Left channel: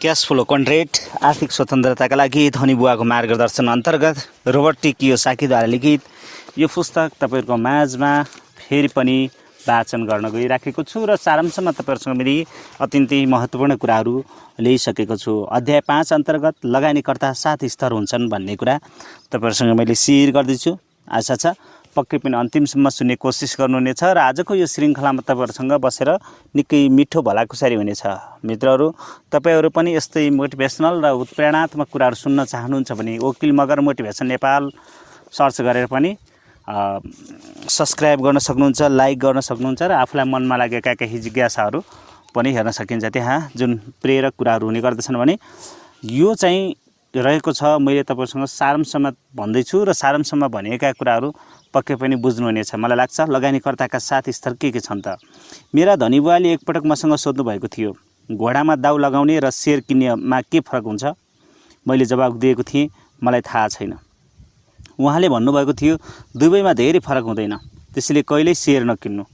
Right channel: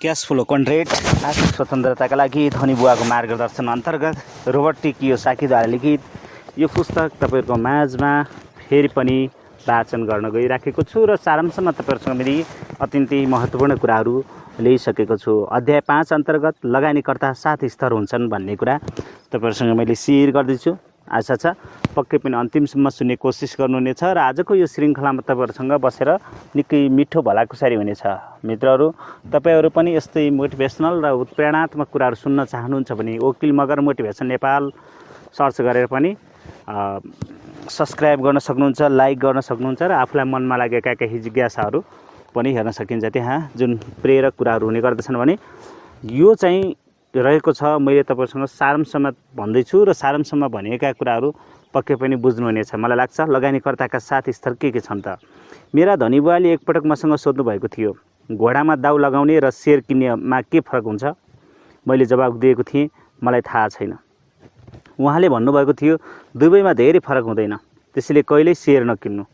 Cash flow contract आर्थिक स्वतन्त्रताका लागि धनी बुवाको मार्गदर्शन अन्तर्गत रोबर्ट टी कियोसाकीद्वारा लिखित यो पुस्तक तपाईँहरूको माझमा फेरि पनि वाचन गर्न गइराखेको छु र सारांशमा तपाईँहरूसँग मैले अत्यन्तै महत्त्वपूर्ण कुराहरू ल्याइसकेको छु। अध्याय 5 अन्तर्गत लगानीकर्ता 7 स्तर हुन्छन् भन्ने कुरा तपाईँहरूसँग मैले सेयर गर्दैछु। आशा छ पक्कै पनि अन्तिमसम्म सुन्ने कोसिस गर्नुहुनेछ र आजको यो श्रृङ्खलामा तपाईँहरूसँग बसेर निकै मिठो भलाकुसारी हुनेछ। मित्रहरू, तपाईँहरू पनि यस्तै मोटिभेसनल र उत्प्रेरणात्मक कुराहरू सुन्न चाहनुहुन्छ भने वकिल मगर मोटिभेसन नेपाल सर्च गरेर पनि सब्सक्राइब गर्न सक्नुहुन्छ, लाइक गर्न सक्नुहुन्छ र आफूलाई मनमा लागेका केही जिज्ञासाहरू पनि हेर्न सकिन्छ। त्यहाँ जुन प्रेरक कुराहरू हुने गर्दछन् भने यो चाहिँ रहेको छ। मैले तपाईँसँग सारांशमा भन्दैछु र सारांशमा भनेका कुराहरू पक्कै पनि बुझ्नुहुनेछ। मलाई लाग्छ लगानीकर्ताका 7 स्तर के छन् त। मेरा धनी बुवाले एकपटक मसँग सोध्नु भएको थियो, घोडामा दाउ लगाउने र सेयर किन्नेमा के फरक हुन्छ? मैले जवाब दिएको थिएँ, मलाई थाहा छैन। उहाँले भन्नुभएको थियो, दुवैमा धेरै फरक हुँदैन, त्यसैले कहिल्यै सेयर नकिन्नु।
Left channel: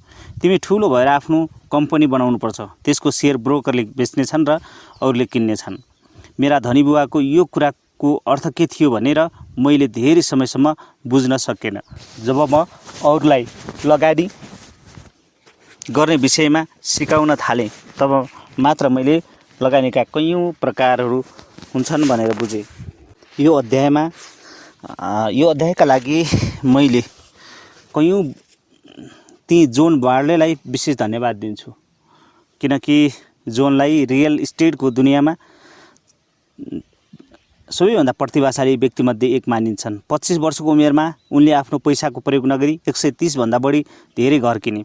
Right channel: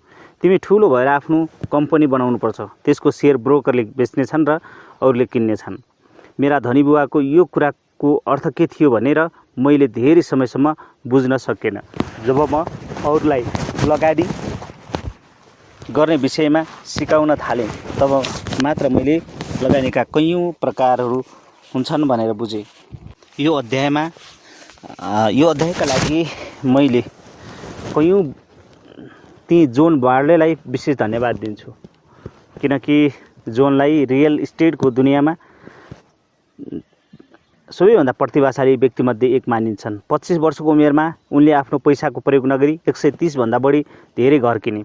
तिमी ठुलो भएर आफ्नो कम्पनी बनाउनुपर्छ, त्यसको सेयर ब्रोकरले बेच्नेछन् र अरूले किन्नेछन्। मेरा धनी बुवाको यो कुराको अर्थ के थियो भनेर मैले धेरै समयसम्म बुझ्न सकेन। जब म अरूलाई लगानी गर्ने विषयमा सिकाउन थालेँ तब मात्र मैले लगानीका कैयौँ प्रकारहरू हुन्छन् भनेर बुझेँ। यो अध्यायका लागि मैले कैयौँ ती जोन बार्लेलाई विशेष धन्यवाद दिन्छु, किनकि जोनलाई रियल इस्टेटको दुनियाँमा सबैभन्दा प्रतिभाशाली व्यक्तिमध्ये एक मानिन्छन्। 25 वर्षको उमेरमा उनले आफ्नो पैसाको प्रयोग नगरी 130 भन्दा बढी धेरै घर किने।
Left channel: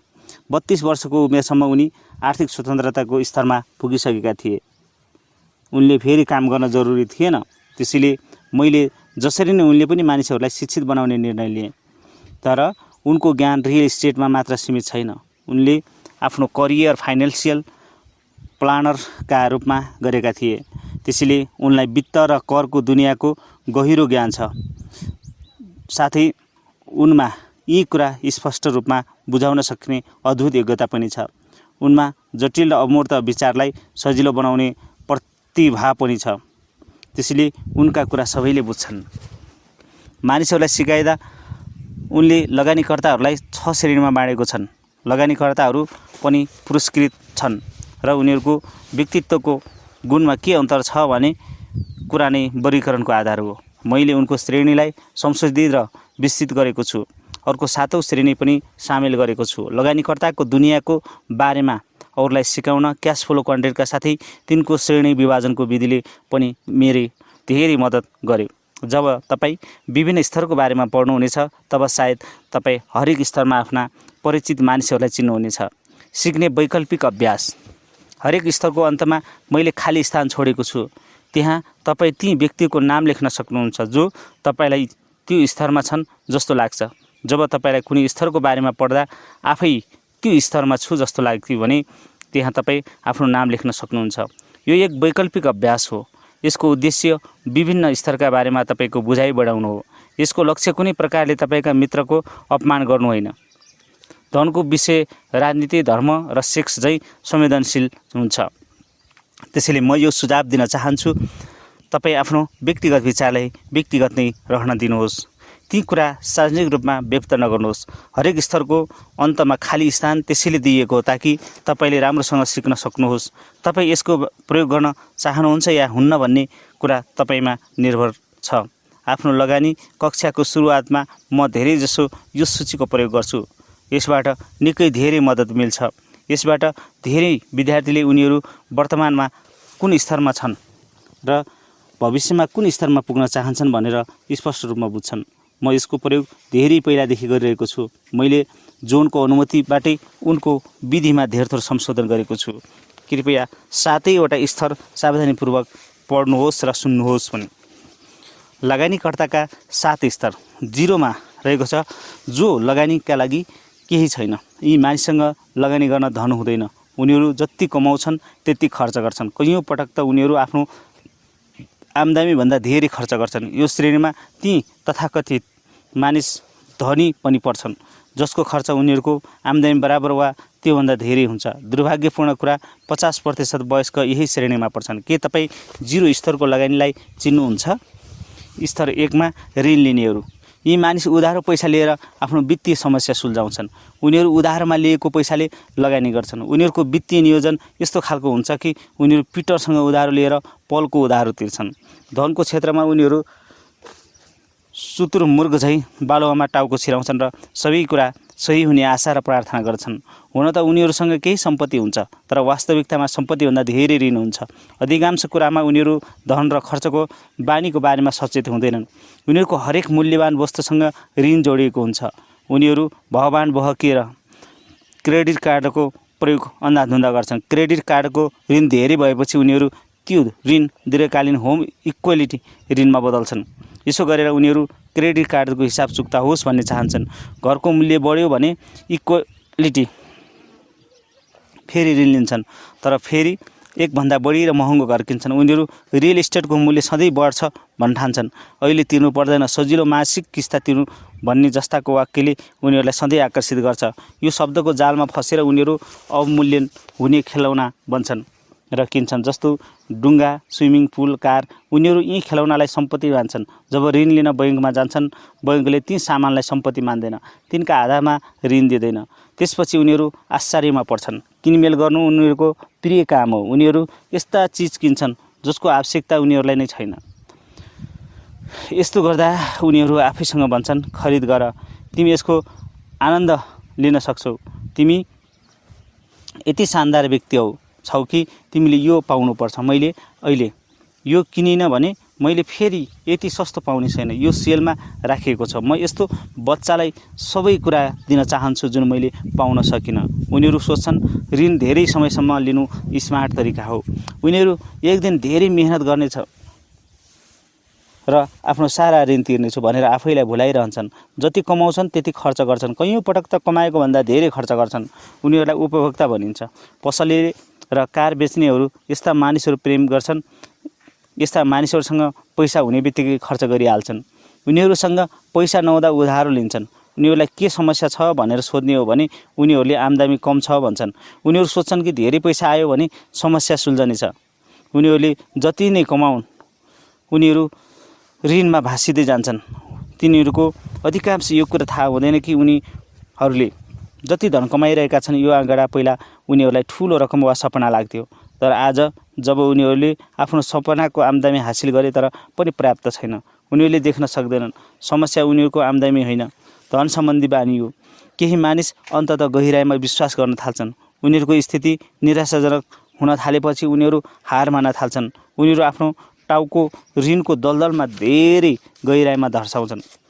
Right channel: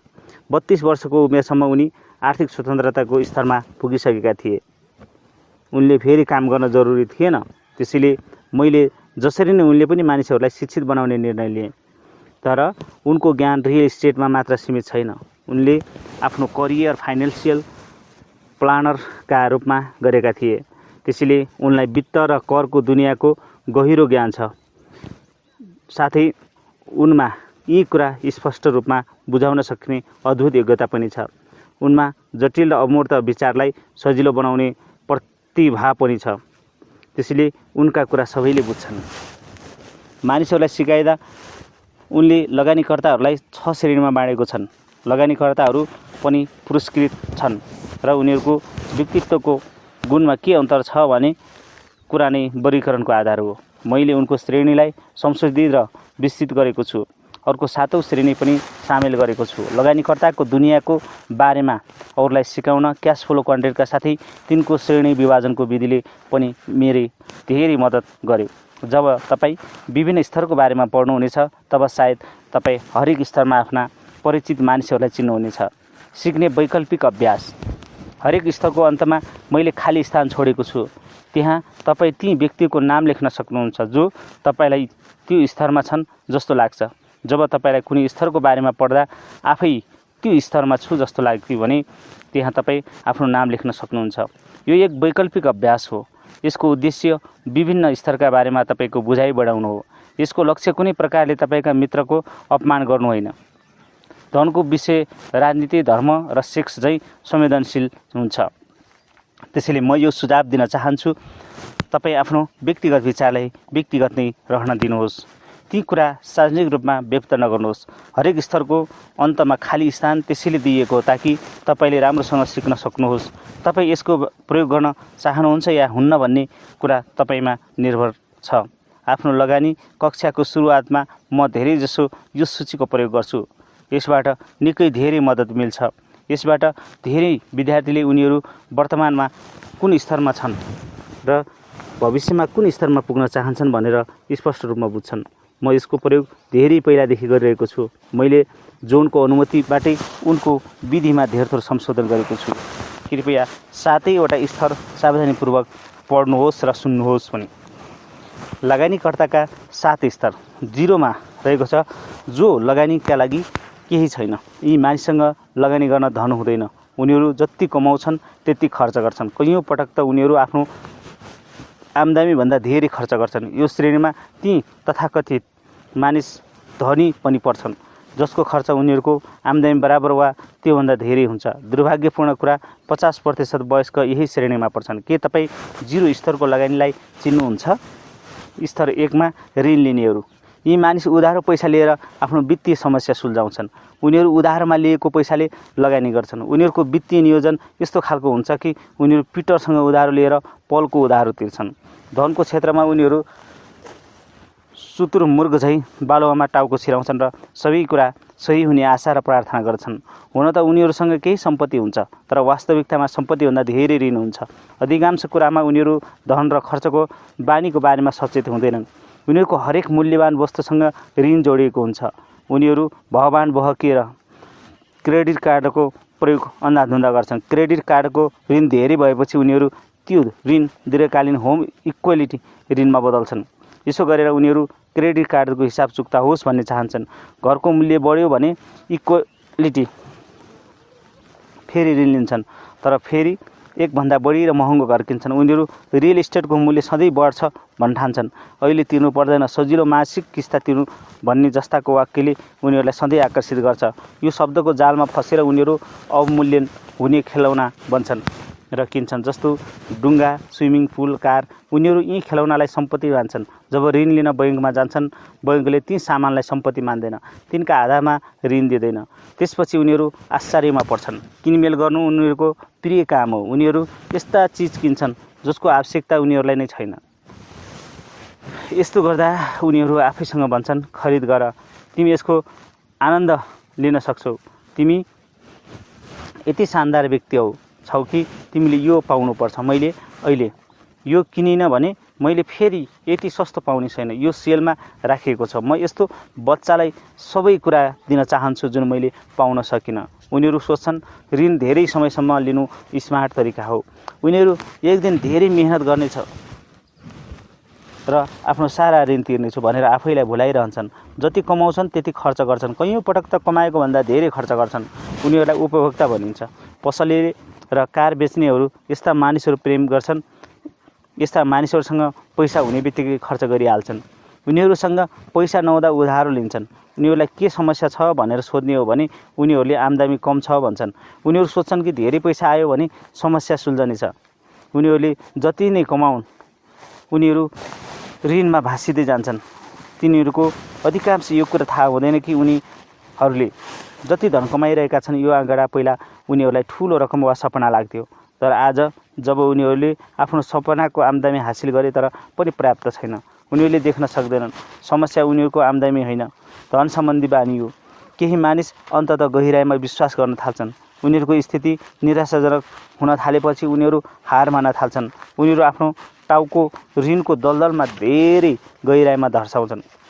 32 वर्षको उमेरसम्म उनी आर्थिक स्वतन्त्रताको स्तरमा पुगिसकेका थिए। उनले फेरि काम गर्न जरुरी थिएन, त्यसैले मैले जसरी नै उनले पनि मानिसहरूलाई शिक्षित बनाउने निर्णय लिए। तर उनको ज्ञान रियल इस्टेटमा मात्र सीमित छैन। उनले आफ्नो करियर फाइनेन्सियल प्लानरका रूपमा गरेका थिए, त्यसैले उनलाई वित्त र करको दुनियाँको गहिरो ज्ञान छ। साथै उनमा यी कुरा स्पष्ट रूपमा बुझाउन सक्ने अद्भुत योग्यता पनि छ। उनमा जटिल र अमूर्त विचारलाई सजिलो बनाउने प्रतिभा पनि छ, त्यसैले उनका कुरा सबैले बुझ्छन्। मानिसहरूलाई सिकाइदा उनले लगानीकर्ताहरूलाई 6 श्रेणीमा बाँडेको छन्। लगानीकर्ताहरू पनि पुरस्कृत छन् र उनीहरूको व्यक्तित्वको गुणमा के अन्तर छ भने कुरा नै वर्गीकरणको आधार हो। मैले उनको श्रेणीलाई संशोधित र विस्तृत गरेको छु। अर्को 7औं श्रेणी पनि सामेल गरेको छु। लगानीकर्ताको दुनियाँको बारेमा अरूलाई सिकाउन क्यास फ्लो कन्ट्र्याक्टका साथै तिनको श्रेणी विभाजनको विधिले पनि मेरै धेरै मद्दत गर्यो। जब तपाईँ विभिन्न स्तरको बारेमा पढ्नुहुनेछ तब सायद तपाईँ हरेक स्तरमा आफ्ना परिचित मानिसहरूलाई चिन्नुहुनेछ। सिक्ने वैकल्पिक अभ्यास। हरेक स्तरको अन्तमा मैले खाली स्थान छोडेको छु। त्यहाँ तपाईँ ती व्यक्तिको नाम लेख्न सक्नुहुन्छ जो तपाईँलाई त्यो स्तरमा छन् जस्तो लाग्छ। जब तपाईँलाई कुनै स्तरको बारेमा पढ्दा आफै त्यो स्तरमा छु जस्तो लाग्थ्यो भने त्यहाँ तपाईँ आफ्नो नाम लेख्न सक्नुहुन्छ। यो एक वैकल्पिक अभ्यास हो। यसको उद्देश्य विभिन्न स्तरका बारेमा तपाईँको बुझाइ बढाउनु हो। यसको लक्ष्य कुनै प्रकारले तपाईँका मित्रको अपमान गर्नु होइन। धनको विषय राजनीति, धर्म र सेक्स झैँ संवेदनशील हुन्छ। त्यसैले म यो सुझाव दिन चाहन्छु, तपाईँ आफ्नो व्यक्तिगत विचारलाई व्यक्तिगत नै रहन दिनुहोस्। ती कुरा सार्वजनिक रूपमा व्यक्त नगर्नुहोस्। हरेक स्तरको अन्तमा खाली स्थान त्यसैले दिइएको हो ताकि तपाईँले राम्रोसँग सिक्न सक्नुहोस्। तपाईँ यसको प्रयोग गर्न चाहनुहुन्छ या हुन्न भन्ने कुरा तपाईँमा निर्भर छ। आफ्नो लगानी कक्षाको सुरुवातमा म धेरैजसो यो सूचीको प्रयोग गर्छु। यसबाट निकै धेरै मद्दत मिल्छ। यसबाट धेरै विद्यार्थीले उनीहरू वर्तमानमा कुन स्तरमा छन् र भविष्यमा कुन स्तरमा पुग्न चाहन्छन् भनेर स्पष्ट रूपमा बुझ्छन्। म यसको प्रयोग धेरै पहिलादेखि गरिरहेको छु। मैले जोनको अनुमतिबाटै उनको विधिमा धेरथोर संशोधन गरेको छु। कृपया 7वटा स्तर सावधानीपूर्वक पढ्नुहोस् र सुन्नुहोस् पनि। लगानीकर्ताका 7 स्तर। 0मा रहेको छ जो लगानीका लागि केही छैन। यी मानिससँग लगानी गर्न धन हुँदैन। उनीहरू जति कमाउँछन् त्यति खर्च गर्छन्। कैयौँ पटक त उनीहरू आफ्नो आम्दानीभन्दा धेरै खर्च गर्छन्। यो श्रेणीमा ती तथाकथित मानिस धनी पनि पर्छन् जसको खर्च उनीहरूको आम्दानी बराबर वा त्योभन्दा धेरै हुन्छ। दुर्भाग्यपूर्ण कुरा 50% वयस्क यही श्रेणीमा पर्छन्। के तपाईँ 0 स्तरको लगानीलाई चिन्नुहुन्छ? स्तर 1 मा ऋण लिनेहरू। यी मानिस उधारो पैसा लिएर आफ्नो वित्तीय समस्या सुल्झाउँछन्। उनीहरू उधारमा लिएको पैसाले लगानी गर्छन्। उनीहरूको वित्तीय नियोजन यस्तो खालको हुन्छ कि उनीहरू पिटरसँग उधारो लिएर पलको उधारो तिर्छन्। धनको क्षेत्रमा उनीहरू सुतुरमुर्ग झैँ बालुवामा टाउको छिराउँछन् र सबै कुरा सही हुने आशा र प्रार्थना गर्छन्। हुन त उनीहरूसँग केही सम्पत्ति हुन्छ, तर वास्तविकतामा सम्पत्तिभन्दा धेरै ऋण हुन्छ। अधिकांश कुरामा उनीहरू धन र खर्चको बानीको बारेमा सचेत हुँदैनन्। उनीहरूको हरेक मूल्यवान वस्तुसँग ऋण जोडिएको हुन्छ। उनीहरू भगवान बहकिएर क्रेडिट कार्डको प्रयोग अन्धाधुन्दा गर्छन्। क्रेडिट कार्डको ऋण धेरै भएपछि उनीहरू त्यो ऋण दीर्घकालीन होम इक्विटी ऋणमा बदल्छन्। यसो गरेर उनीहरू क्रेडिट कार्डको हिसाब चुक्ता होस् भन्ने चाहन्छन्। घरको मूल्य बढ्यो भने इक्विटी फेरि ऋण लिन्छन्, तर फेरि एकभन्दा बढी र महँगो घर किन्छन्। उनीहरू रियल इस्टेटको मूल्य सधैँ बढ्छ भन्न ठान्छन्। अहिले तिर्नु पर्दैन, सजिलो मासिक किस्ता तिर्नु भन्ने जस्ताको वाक्यले उनीहरूलाई सधैँ आकर्षित गर्छ। यो शब्दको जालमा फसेर उनीहरू अवमूल्यन हुने खेलौना बन्छन् र किन्छन्, जस्तो डुङ्गा, स्विमिङ पुल, कार। उनीहरू यी खेलौनालाई सम्पत्ति मान्छन्। जब ऋण लिन बैङ्कमा जान्छन्, बैङ्कले ती सामानलाई सम्पत्ति मान्दैन, तिनका आधारमा ऋण दिँदैन। त्यसपछि उनीहरू आश्चर्यमा पर्छन्। किनमेल गर्नु उनीहरूको प्रिय काम हो। उनीहरू यस्ता चिज किन्छन् जसको आवश्यकता उनीहरूलाई नै छैन। यस्तो गर्दा उनीहरू आफैसँग भन्छन्, खरिद गर, तिमी यसको आनन्द लिन सक्छौ। तिमी यति शानदार व्यक्ति छौ कि तिमीले यो पाउनुपर्छ। मैले अहिले यो किनिनँ भने मैले फेरि यति सस्तो पाउने छैन। यो सेलमा राखिएको छ। म यस्तो बच्चालाई सबै कुरा दिन चाहन्छु जुन मैले पाउन सकिनँ। उनीहरू सोच्छन् ऋण धेरै समयसम्म लिनु स्मार्ट तरिका हो। उनीहरू एक दिन धेरै मेहनत गर्नेछ र आफ्नो सारा ऋण तिर्नेछु भनेर आफैलाई भुलाइरहन्छन्। जति कमाउँछन् त्यति खर्च गर्छन्। कैयौँ पटक त कमाएको भन्दा धेरै खर्च गर्छन्। उनीहरूलाई उपभोक्ता भनिन्छ। पसले र कार बेच्नेहरू यस्ता मानिसहरू प्रेम गर्छन्। यस्ता मानिसहरूसँग पैसा हुने बित्तिकै खर्च गरिहाल्छन्। उनीहरूसँग पैसा नहुँदा उधारो लिन्छन्। उनीहरूलाई के समस्या छ भनेर सोध्ने हो भने उनीहरूले आम्दानी कम छ भन्छन्। उनीहरू सोच्छन् कि धेरै पैसा आयो भने समस्या सुल्झनेछ। उनीहरूले जति नै कमाउन् उनीहरू ऋणमा भासिँदै जान्छन्। तिनीहरूको अधिकांश यो कुरा थाहा हुँदैन कि उनीहरूले जति धन कमाइरहेका छन् यो आँकडा पहिला उनीहरूलाई ठुलो रकम वा सपना लाग्थ्यो, तर आज जब उनीहरूले आफ्नो सपनाको आम्दानी हासिल गरे तर पनि पर्याप्त छैन। उनीहरूले देख्न सक्दैनन्। समस्या उनीहरूको आम्दानी होइन, धन सम्बन्धी बानी हो। केही मानिस अन्ततः गहिराइमा विश्वास गर्न थाल्छन्। उनीहरूको स्थिति निराशाजनक हुन थालेपछि उनीहरू हार मान्न थाल्छन्। उनीहरू आफ्नो टाउको ऋणको दलदलमा धेरै गहिराइमा धर्साउँछन्।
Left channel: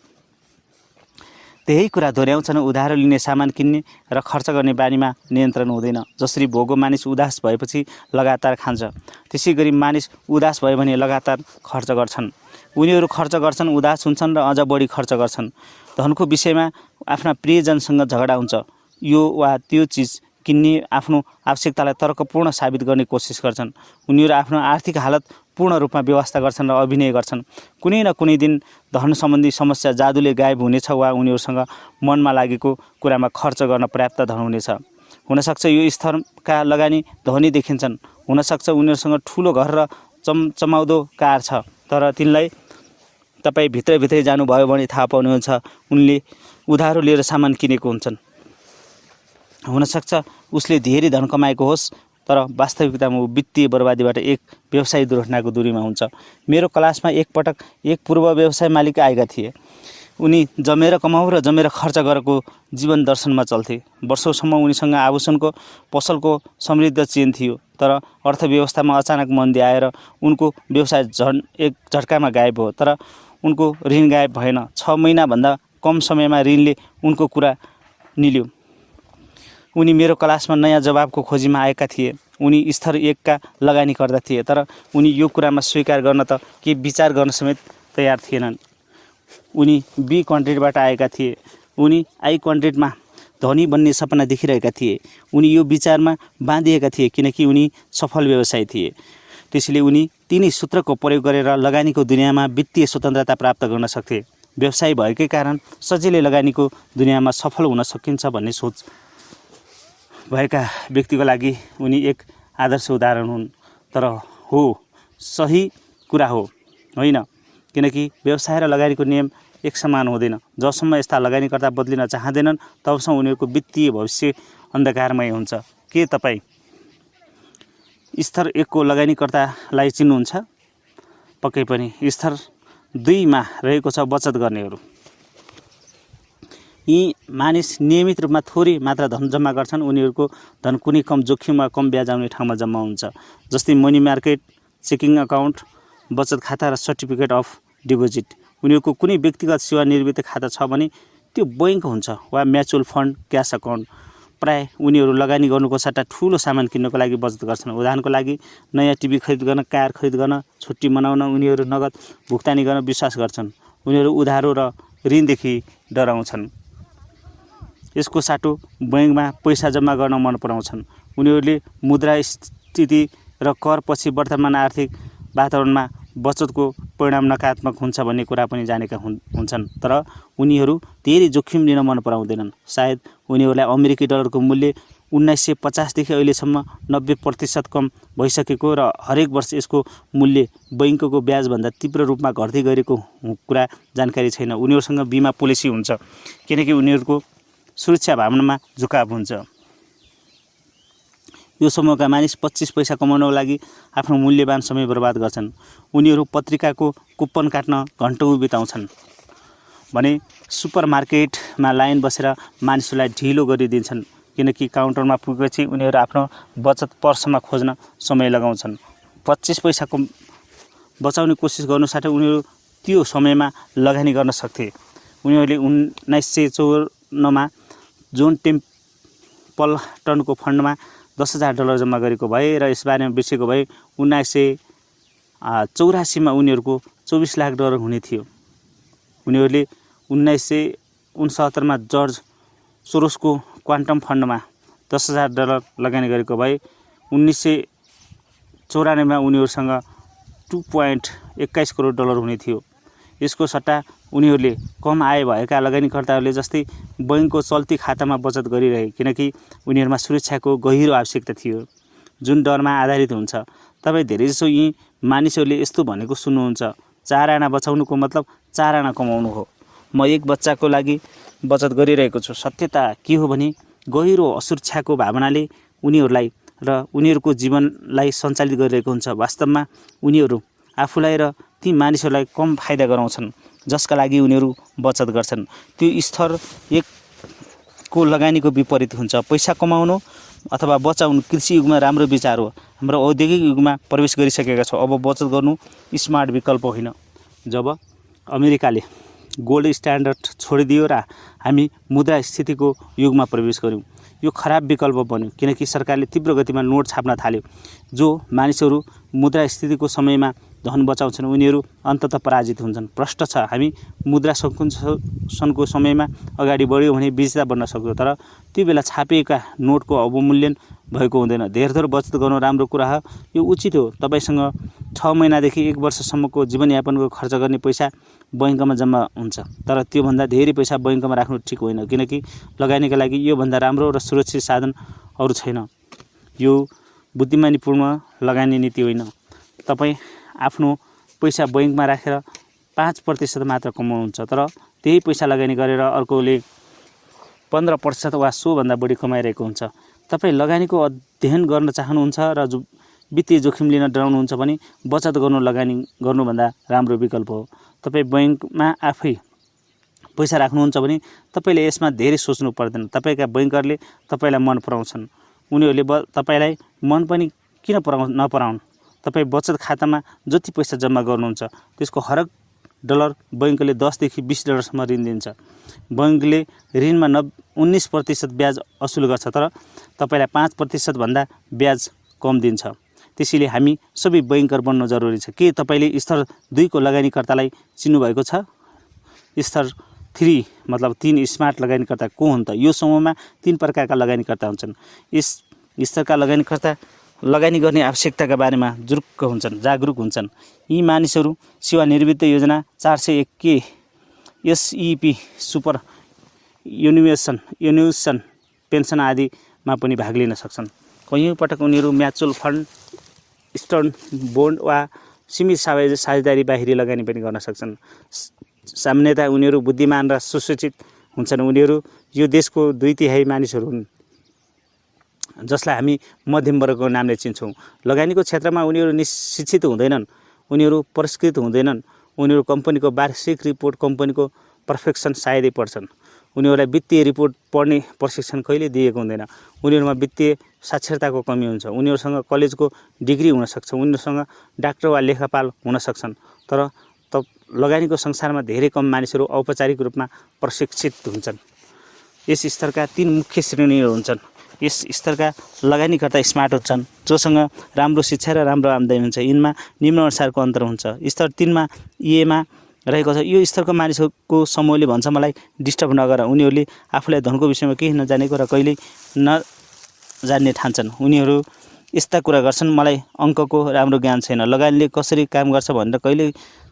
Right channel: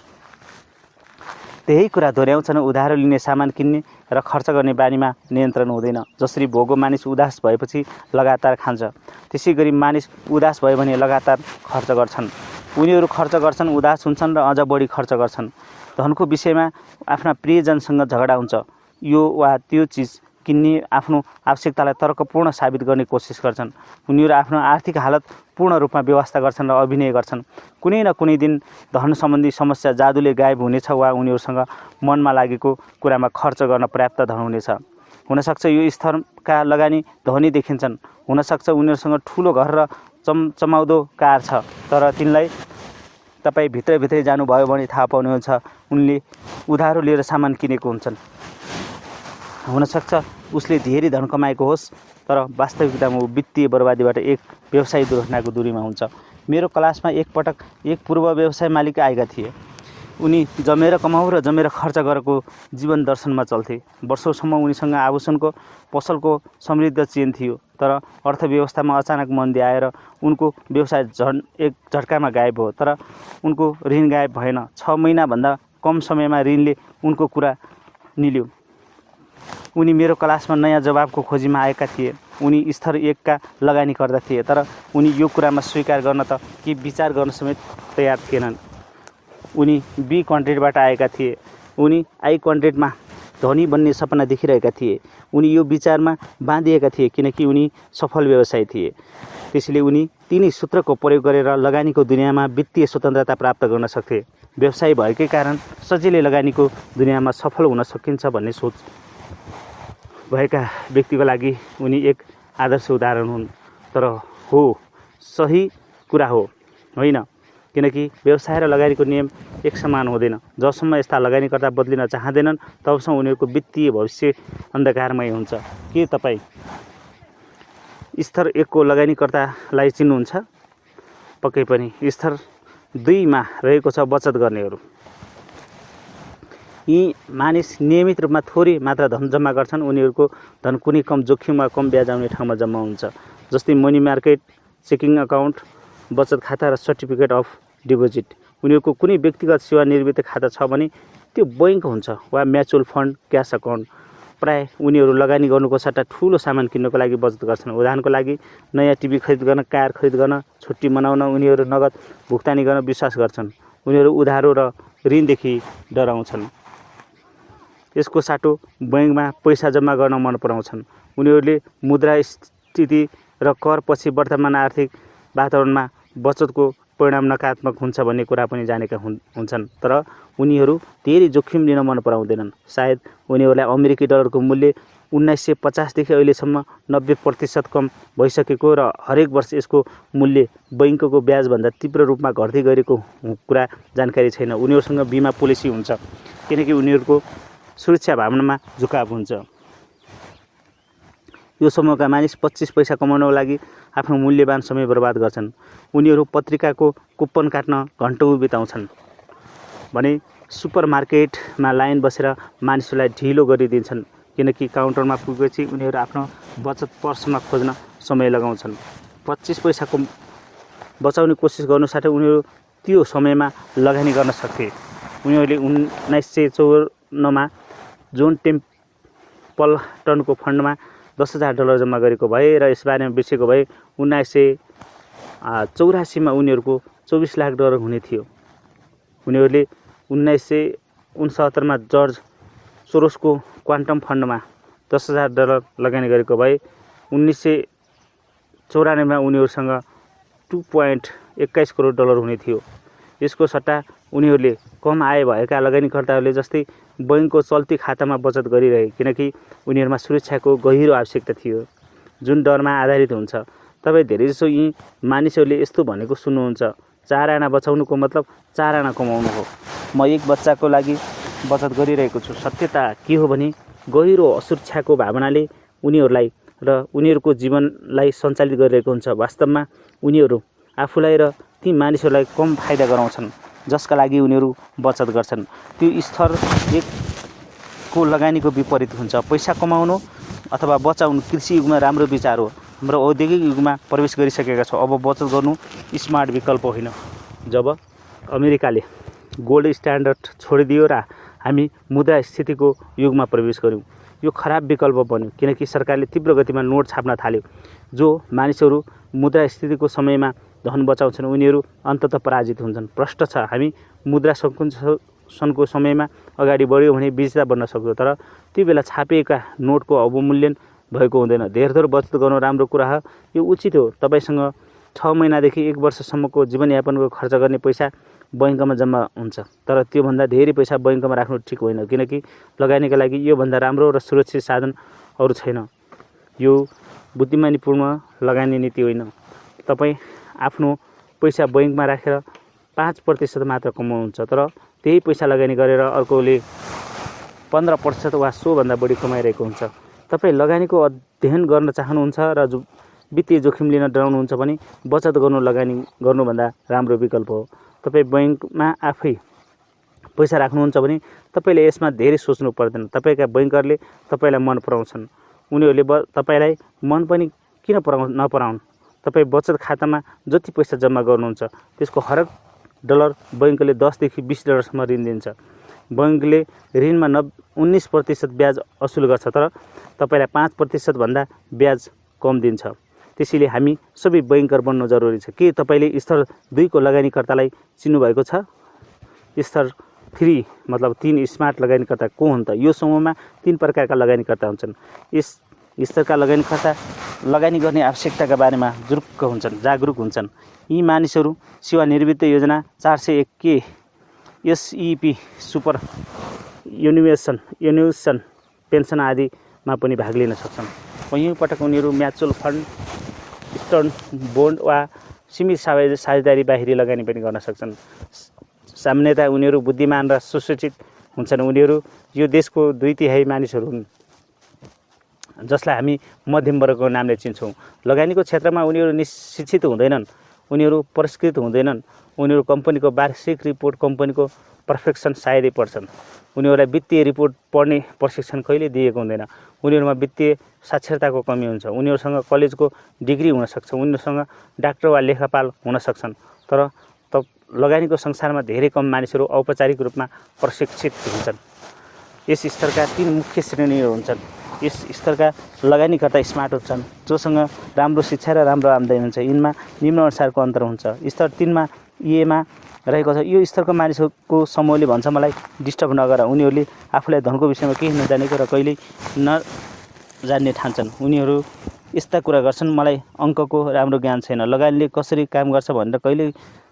त्यही कुरा दोहोऱ्याउँछन्। उधारो लिने सामान किन्ने र खर्च गर्ने बानीमा नियन्त्रण हुँदैन। जसरी भोगो मानिस उदास भएपछि लगातार खान्छ, त्यसै गरी मानिस उदास भयो भने लगातार खर्च गर्छन्। उनीहरू खर्च गर्छन्, उदास हुन्छन् र अझ बढी खर्च गर्छन्। धनको विषयमा आफ्ना प्रियजनसँग झगडा हुन्छ। यो वा त्यो चिज किन्ने आफ्नो आवश्यकतालाई तर्कपूर्ण साबित गर्ने कोसिस गर्छन्। उनीहरू आफ्नो आर्थिक हालत पूर्ण रूपमा व्यवस्था गर्छन् र अभिनय गर्छन्। कुनै न कुनै दिन धन सम्बन्धी समस्या जादुले गायब हुनेछ वा उनीहरूसँग मनमा लागेको कुरामा खर्च गर्न पर्याप्त धन हुनेछ। हुनसक्छ यो स्तरका लगानी धनी देखिन्छन्। हुनसक्छ उनीहरूसँग ठुलो घर र चमचमाउँदो कार छ, तर तिनलाई तपाईँ भित्रभित्रै जानुभयो भने थाहा पाउनुहुन्छ उनले उधारो लिएर सामान किनेको हुन्छन्। हुनसक्छ उसले धेरै धन कमाएको होस्, तर वास्तविकतामा ऊ वित्तीय बर्बादीबाट एक व्यवसायिक दुर्घटनाको दूरीमा हुन्छ। मेरो क्लासमा एकपटक एक पूर्व व्यवसाय मालिक आएका थिए। उनी जमेर कमाऊ र जमेर खर्च गरेको जीवन दर्शनमा चल्थे। वर्षौँसम्म उनीसँग आभूषणको पसलको समृद्ध चेन थियो, तर अर्थव्यवस्थामा अचानक मन्दी आएर उनको व्यवसाय एक झट्कामा गायब भयो। तर उनको ऋण गायब भएन। 6 महिनाभन्दा कम समयमा ऋणले उनको कुरा निल्यो। उनी मेरो क्लासमा नयाँ जवाबको खोजीमा आएका थिए। उनी स्तर 1 का लगानीकर्ता थिए, तर उनी यो कुरामा स्वीकार गर्न त के विचार गर्न समेत तयार थिएनन्। उनी बी क्वाड्रेन्टबाट आएका थिए। उनी आई क्वाड्रेन्टमा धनी बन्ने सपना देखिरहेका थिए। उनी यो विचारमा बाँधिएका थिए किनकि उनी सफल व्यवसायी थिए। त्यसैले उनी तिनी सूत्रको प्रयोग गरेर लगानीको दुनियाँमा वित्तीय स्वतन्त्रता प्राप्त गर्न सक्थे। व्यवसायी भएकै कारण सजिलै लगानीको दुनियाँमा सफल हुन सकिन्छ भन्ने सोच भएका व्यक्तिको लागि उनी एक आदर्श उदाहरण हुन्। तर हो, सही कुरा हो होइन, किनकि व्यवसाय र लगानीको नियम एक समान हुँदैन। जबसम्म यस्ता लगानीकर्ता बदलिन चाहँदैनन् तबसम्म उनीहरूको वित्तीय भविष्य अन्धकारमय हुन्छ। के तपाईँ स्तर 1 को लगानीकर्तालाई चिन्नुहुन्छ? पक्कै पनि। स्तर 2 मा रहेको छ बचत गर्नेहरू। यी मानिस नियमित रूपमा थोरै मात्रा धन जम्मा गर्छन्। उनीहरूको धन कुनै कम जोखिम वा कम ब्याज आउने ठाउँमा जम्मा हुन्छ, जस्तै मनी मार्केट, चेकिङ अकाउन्ट, बचत खाता र सर्टिफिकेट अफ डिपोजिट। उनीहरूको कुनै व्यक्तिगत सेवानिवृत्ति खाता छ भने त्यो बैंक हुन्छ वा म्युचुअल फन्ड, क्यास अकाउन्ट। प्राय उनीहरू लगानी गर्नुको सट्टा ठुलो सामान किन्नको लागि बचत गर्छन्। उदाहरणको लागि नयाँ टिभी खरिद गर्न, कार खरिद गर्न, छुट्टी मनाउन उनीहरू नगद भुक्तानी गर्न विश्वास गर्छन्। उनीहरू उधारो र ऋणदेखि डराउँछन्। यसको साटो बैंकमा पैसा जम्मा गर्न मन पराउँछन्। उनीहरूले मुद्रास्फीति र कर पछि वर्तमान आर्थिक वातावरणमा बचतको परिणाम नकारात्मक हुन्छ भन्ने कुरा पनि जानेका हुन्छन्। तर उनीहरू धेरै जोखिम लिन मन पराउँदैनन्। सायद उनीहरूलाई अमेरिकी डलरको मूल्य 1950 देखि अहिलेसम्म 90% कम भइसकेको र हरेक वर्ष यसको मूल्य बैंकको ब्याजभन्दा तीव्र रूपमा घट्दै गरेको कुरा जानकारी छैन। उनीहरूसँग बिमा पोलिसी हुन्छ किनकि उनीहरूको सुरक्षा भावनामा झुकाव हुन्छ। यो समूहका मानिस 25 पैसा कमाउनको लागि आफ्नो मूल्यवान समय बर्बाद गर्छन्। उनीहरू पत्रिकाको कुपन काट्न घन्टौँ बिताउँछन् भने सुपरमार्केटमा लाइन बसेर मानिसहरूलाई ढिलो गरिदिन्छन्, किनकि काउन्टरमा पुगेपछि उनीहरू आफ्नो बचत पर्समा खोज्न समय लगाउँछन्। 25 पैसाको बचाउने कोसिस गर्नु साथै उनीहरू त्यो समयमा लगानी गर्न सक्थे। उनीहरूले 1954 मा जोन टेम्पलटनको फन्डमा $10,000 जम्मा गरेको भए र यसबारेमा बिर्सेको भए 1984 मा उनीहरूको $24 लाख हुने थियो। उनीहरूले 1969 मा जर्ज सोरोसको क्वान्टम फन्डमा $10,000 लगानी गरेको भए 1994 मा उनीहरूसँग $2.21 करोड हुने थियो। यसको सट्टा उनीहरूले कम आय भएका लगानीकर्ताहरूले जस्तै बैंकको चल्ती खातामा बचत गरिरहे, किनकि उनीहरूमा सुरक्षाको गहिरो आवश्यकता थियो जुन डरमा आधारित हुन्छ। तपाईँ धेरैजसो यी मानिसहरूले यस्तो भनेको सुन्नुहुन्छ, 4 आना बचाउनुको मतलब 4 आना कमाउनु हो। म एक बच्चाको लागि बचत गरिरहेको छु। सत्यता के हो भने गहिरो असुरक्षाको भावनाले उनीहरूलाई र उनीहरूको जीवनलाई सञ्चालित गरिरहेको हुन्छ। वास्तवमा उनीहरू आफूलाई र ती मानिसहरूलाई कम फाइदा गराउँछन् जसका लागि उनीहरू बचत गर्छन्। त्यो स्तर 1 को लगानीको विपरीत हुन्छ। पैसा कमाउनु अथवा बचाउनु कृषि युगमा राम्रो विचार हो। हाम्रो औद्योगिक युगमा प्रवेश गरिसकेका छौँ। अब बचत गर्नु स्मार्ट विकल्प होइन। जब अमेरिकाले गोल्ड स्ट्यान्डर्ड छोडिदियो र हामी मुद्रास्फीतिको युगमा प्रवेश गर्यौँ, यो खराब विकल्प बन्यो किनकि सरकारले तीव्र गतिमा नोट छाप्न थाल्यो। जो मानिसहरू मुद्रास्फीतिको समयमा धन बचाउँछन् उनीहरू अन्ततः पराजित हुन्छन्। प्रश्न छ, हामी मुद्रा सङ्कुचनको समयमा अगाडि बढ्यो भने विजेता बन्न सक्छौँ, तर त्यो बेला छापिएका नोटको अवमूल्यन भएको हुँदैन। धेरथोर बचत गर्नु राम्रो कुरा हो, यो उचित हो। तपाईँसँग 6 महिनादेखि 1 वर्षसम्मको जीवनयापनको खर्च गर्ने पैसा बैंकमा जम्मा हुन्छ, तर त्योभन्दा धेरै पैसा बैंकमा राख्नु ठिक होइन, किनकि लगानीका लागि योभन्दा राम्रो र सुरक्षित साधन अरू छैन। यो बुद्धिमानीपूर्ण लगानी नीति होइन। तपाईँ आफ्नो पैसा बैंकमा राखेर 5% मात्र कमाउनुहुन्छ, तर त्यही पैसा लगानी गरेर अर्कोले 15% वा सोभन्दा बढी कमाइरहेको हुन्छ। तपाईँ लगानीको अध्ययन गर्न चाहनुहुन्छ र वित्तीय जोखिम लिन डराउनुहुन्छ भने बचत गर्नु लगानी गर्नुभन्दा राम्रो विकल्प हो। तपाईँ बैंकमा आफै पैसा राख्नुहुन्छ भने तपाईँले यसमा धेरै सोच्नु पर्दैन। तपाईँका बैंकरले तपाईँलाई मन पराउँछन्। उनीहरूले तपाईँलाई मन पनि किन नपराउन्। तपाईँ बचत खातामा जति पैसा जम्मा गर्नुहुन्छ त्यसको हरेक डलर बैंकले $10 देखि $20 ऋण दिन्छ। बैंकले ऋणमा 19% ब्याज असुल गर्छ, तर तपाईँलाई 5% भन्दा ब्याज कम दिन्छ। त्यसैले हामी सबै बैंकर बन्नु जरुरी छ। के तपाईँले स्तर 2 को लगानीकर्तालाई चिन्नुभएको छ? स्तर 3 मतलब 3 स्मार्ट लगानीकर्ता को हुन् त? यो समूहमा 3 प्रकारका लगानीकर्ता हुन्छन्। यस स्तरका लगानीकर्ता लगानी गर्ने आवश्यकताका बारेमा जागरुक हुन्छन्। यी मानिसहरू सेवानिवृत्ति योजना 401K एसइपी सुपर एन्युसन पेन्सन आदिमा पनि भाग लिन सक्छन्। कैयौँ पटक उनीहरू म्युचुअल फन्ड, स्टर्न बोन्ड वा सीमित साझेदारी बाहिरी लगानी पनि गर्न सक्छन्। सामान्यतया उनीहरू बुद्धिमान र सुशिक्षित हुन्छन्। उनीहरू यो देशको 2/3 मानिसहरू हुन् जसलाई हामी मध्यम वर्गको नामले चिन्छौँ। लगानीको क्षेत्रमा उनीहरू शिक्षित हुँदैनन्, उनीहरू पुरस्कृत हुँदैनन्। उनीहरू कम्पनीको वार्षिक रिपोर्ट, कम्पनीको पर्फेक्सन सायदै पढ्छन्। उनीहरूलाई वित्तीय रिपोर्ट पढ्ने प्रशिक्षण कहिले दिएको हुँदैन। उनीहरूमा वित्तीय साक्षरताको कमी हुन्छ। उनीहरूसँग कलेजको डिग्री हुन सक्छ, उनीहरूसँग डाक्टर वा लेखापाल हुन सक्छन्, तर लगानीको संसारमा धेरै कम मानिसहरू औपचारिक रूपमा प्रशिक्षित हुन्छन्। यस स्तरका 3 मुख्य श्रेणीहरू हुन्छन्। यस स्तरका लगानीकर्ता स्मार्ट हुन्छन्, जोसँग राम्रो शिक्षा र राम्रो आम्दानी हुन्छ। यिनमा निम्न अनुसारको अन्तर हुन्छ। स्तर 3 मा ईएमा रहेको छ। यो स्तरको मानिसहरूको समूहले भन्छ, मलाई डिस्टर्ब नगर। उनीहरूले आफूलाई धनको विषयमा केही नजानेको र कहिल्यै नजान्ने ठान्छन्। उनीहरू यस्ता कुरा गर्छन्, मलाई अङ्कको राम्रो ज्ञान छैन, लगानीले कसरी काम गर्छ भनेर कहिल्यै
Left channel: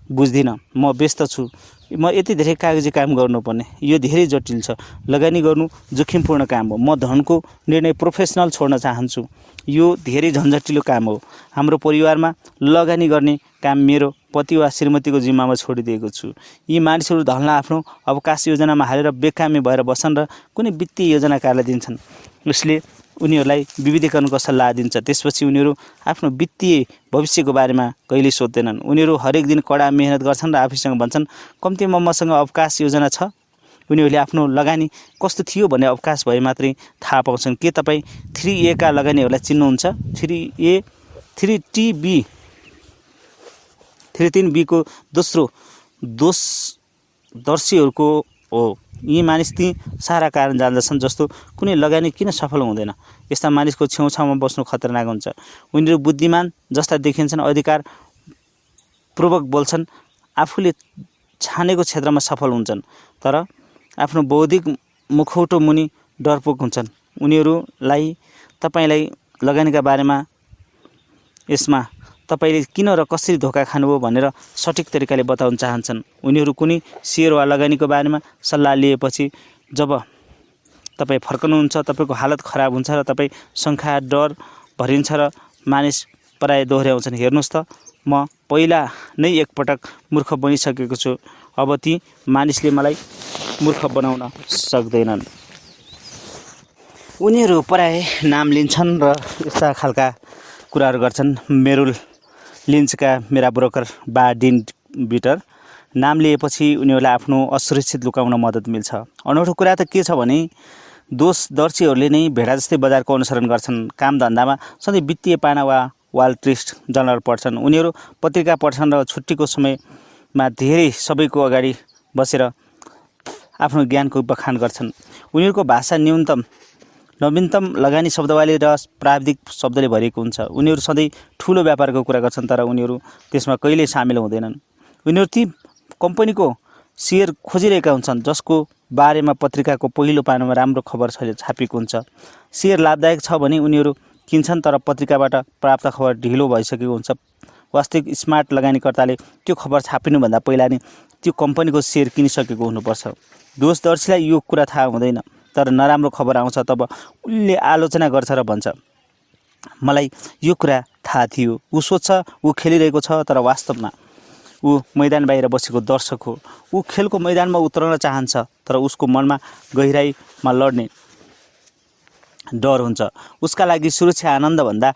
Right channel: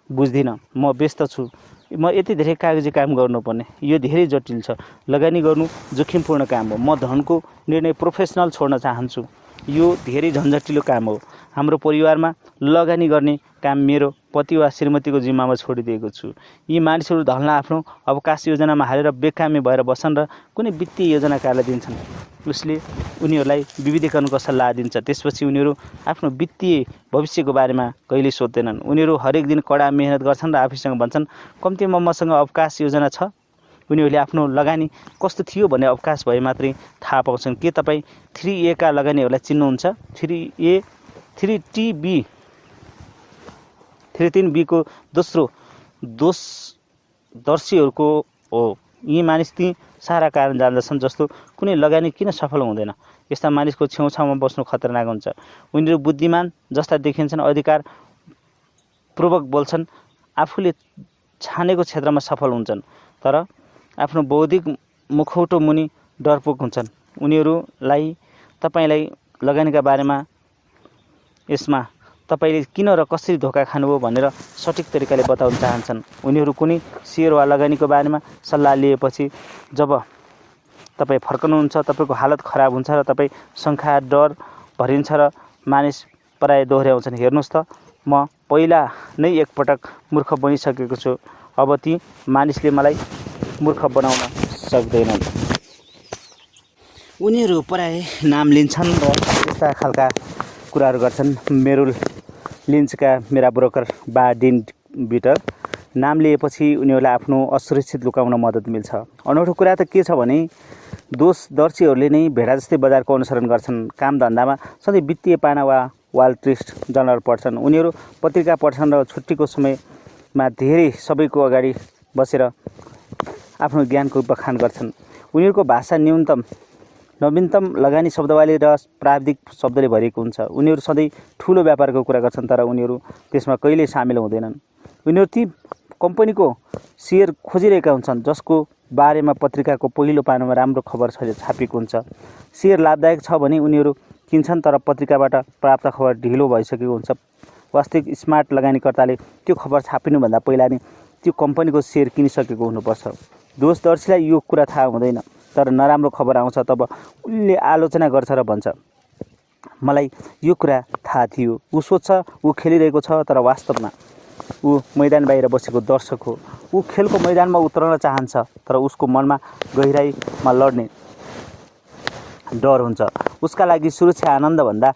बुझ्दिनँ, म व्यस्त छु, म यति धेरै कागजी काम गर्नुपर्ने, यो धेरै जटिल छ, लगानी गर्नु जोखिमपूर्ण काम हो, म धनको निर्णय प्रोफेसनल छोड्न चाहन्छु, यो धेरै झन्झटिलो काम हो। हाम्रो परिवारमा लगानी गर्ने काम मेरो पति वा श्रीमतीको जिम्मामा छोडिदिएको छु। यी मानिसहरू धनलाई आफ्नो अवकाश योजनामा हालेर बेकामी भएर बस्छन् र कुनै वित्तीय योजनाकारलाई दिन्छन्। उसले उनीहरूलाई विविधीकरणको सल्लाह दिन्छ। त्यसपछि उनीहरू आफ्नो वित्तीय भविष्यको बारेमा कहिल्यै सोच्दैनन्। उनीहरू हरेक दिन कडा मेहनत गर्छन् र आफूसँग भन्छन्, कम्तीमा मसँग अवकाश योजना छ। उनीहरूले आफ्नो लगानी कस्तो थियो भन्ने अवकाश भए मात्रै थाहा पाउँछन्। के तपाईँ 3A का लगानीहरूलाई चिन्नुहुन्छ? 3B को दोस्रो दोषदर्शीहरूको हो। यी मानिस ती सारा कारण जान्दछन् जस्तो कुनै लगानी किन सफल हुँदैन। यस्ता मानिसको छेउछाउमा बस्नु खतरनाक हुन्छ। उनीहरू बुद्धिमान जस्ता देखिन्छन्, अधिकारपूर्वक बोल्छन्, आफूले छानेको क्षेत्रमा सफल हुन्छन्, तर आफ्नो बौद्धिक मुखौटो मुनि डरपोक हुन्छन्। उनीहरूलाई तपाईलाई लगानीका बारेमा, यसमा तपाईले किन र कसरी धोका खानुभयो भनेर सठिक तरिकाले बताउन चाहन्छन्। उनीहरू कुनै सेयर वा लगानीको बारेमा सल्लाह लिएपछि जब तपाईँ फर्कनुहुन्छ, तपाईँको हालत खराब हुन्छ र तपाईँ शङ्का, डर भरिन्छ र मानिस प्राय दोहोऱ्याउँछन्, हेर्नुहोस् त, म पहिला नै एकपटक मूर्ख बनिसकेको छु, अब ती मानिसले मलाई मूर्ख बनाउन सक्दैनन्। उनीहरू प्राय नाम लिन्छन् र यस्ता खालका कुराहरू गर्छन्। मेरुल लिन्चका मेरा ब्रोकर बा डिन बिटर, नाम लिएपछि उनीहरूलाई आफ्नो असुरक्षित लुकाउन मद्दत मिल्छ। अनौठो कुरा त के छ भने दोषदर्शीहरूले नै भेडा जस्तै बजारको अनुसरण गर्छन्। काम धन्दामा सधैँ वित्तीय पाना वा वाल स्ट्रिट जर्नल पढ्छन्। उनीहरू पत्रिका पढ्छन् र छुट्टीको समयमा धेरै सबैको अगाडि बसेर आफ्नो ज्ञानको बखान गर्छन्। उनीहरूको भाषा नवीनतम लगानी शब्दावली र प्राविधिक शब्दले भरिएको हुन्छ। उनीहरू सधैँ ठुलो व्यापारको कुरा गर्छन्, तर उनीहरू त्यसमा कहिल्यै सामेल हुँदैनन्। उनीहरू ती कम्पनीको सेयर खोजिरहेका हुन्छन् जसको बारेमा पत्रिकाको पहिलो पानामा राम्रो खबर छापिएको हुन्छ। सेयर लाभदायक छ भने उनीहरू किन्छन्, तर पत्रिकाबाट प्राप्त खबर ढिलो भइसकेको हुन्छ। वास्तविक स्मार्ट लगानीकर्ताले त्यो खबर छापिनुभन्दा पहिला नै त्यो कम्पनीको सेयर किनिसकेको हुनुपर्छ। दोषदर्शीलाई यो कुरा थाहा हुँदैन, तर नराम्रो खबर आउँछ तब उसले आलोचना गर्छ र भन्छ, मलाई यो कुरा थाहा थियो। ऊ सोच्छ ऊ खेलिरहेको छ, तर वास्तवमा ऊ मैदान बाहिर बसेको दर्शक हो। ऊ खेलको मैदानमा उत्रन चाहन्छ, तर उसको मनमा गहिराईमा लड्ने डर हुन्छ। उसका लागि सुरक्षा आनन्दभन्दा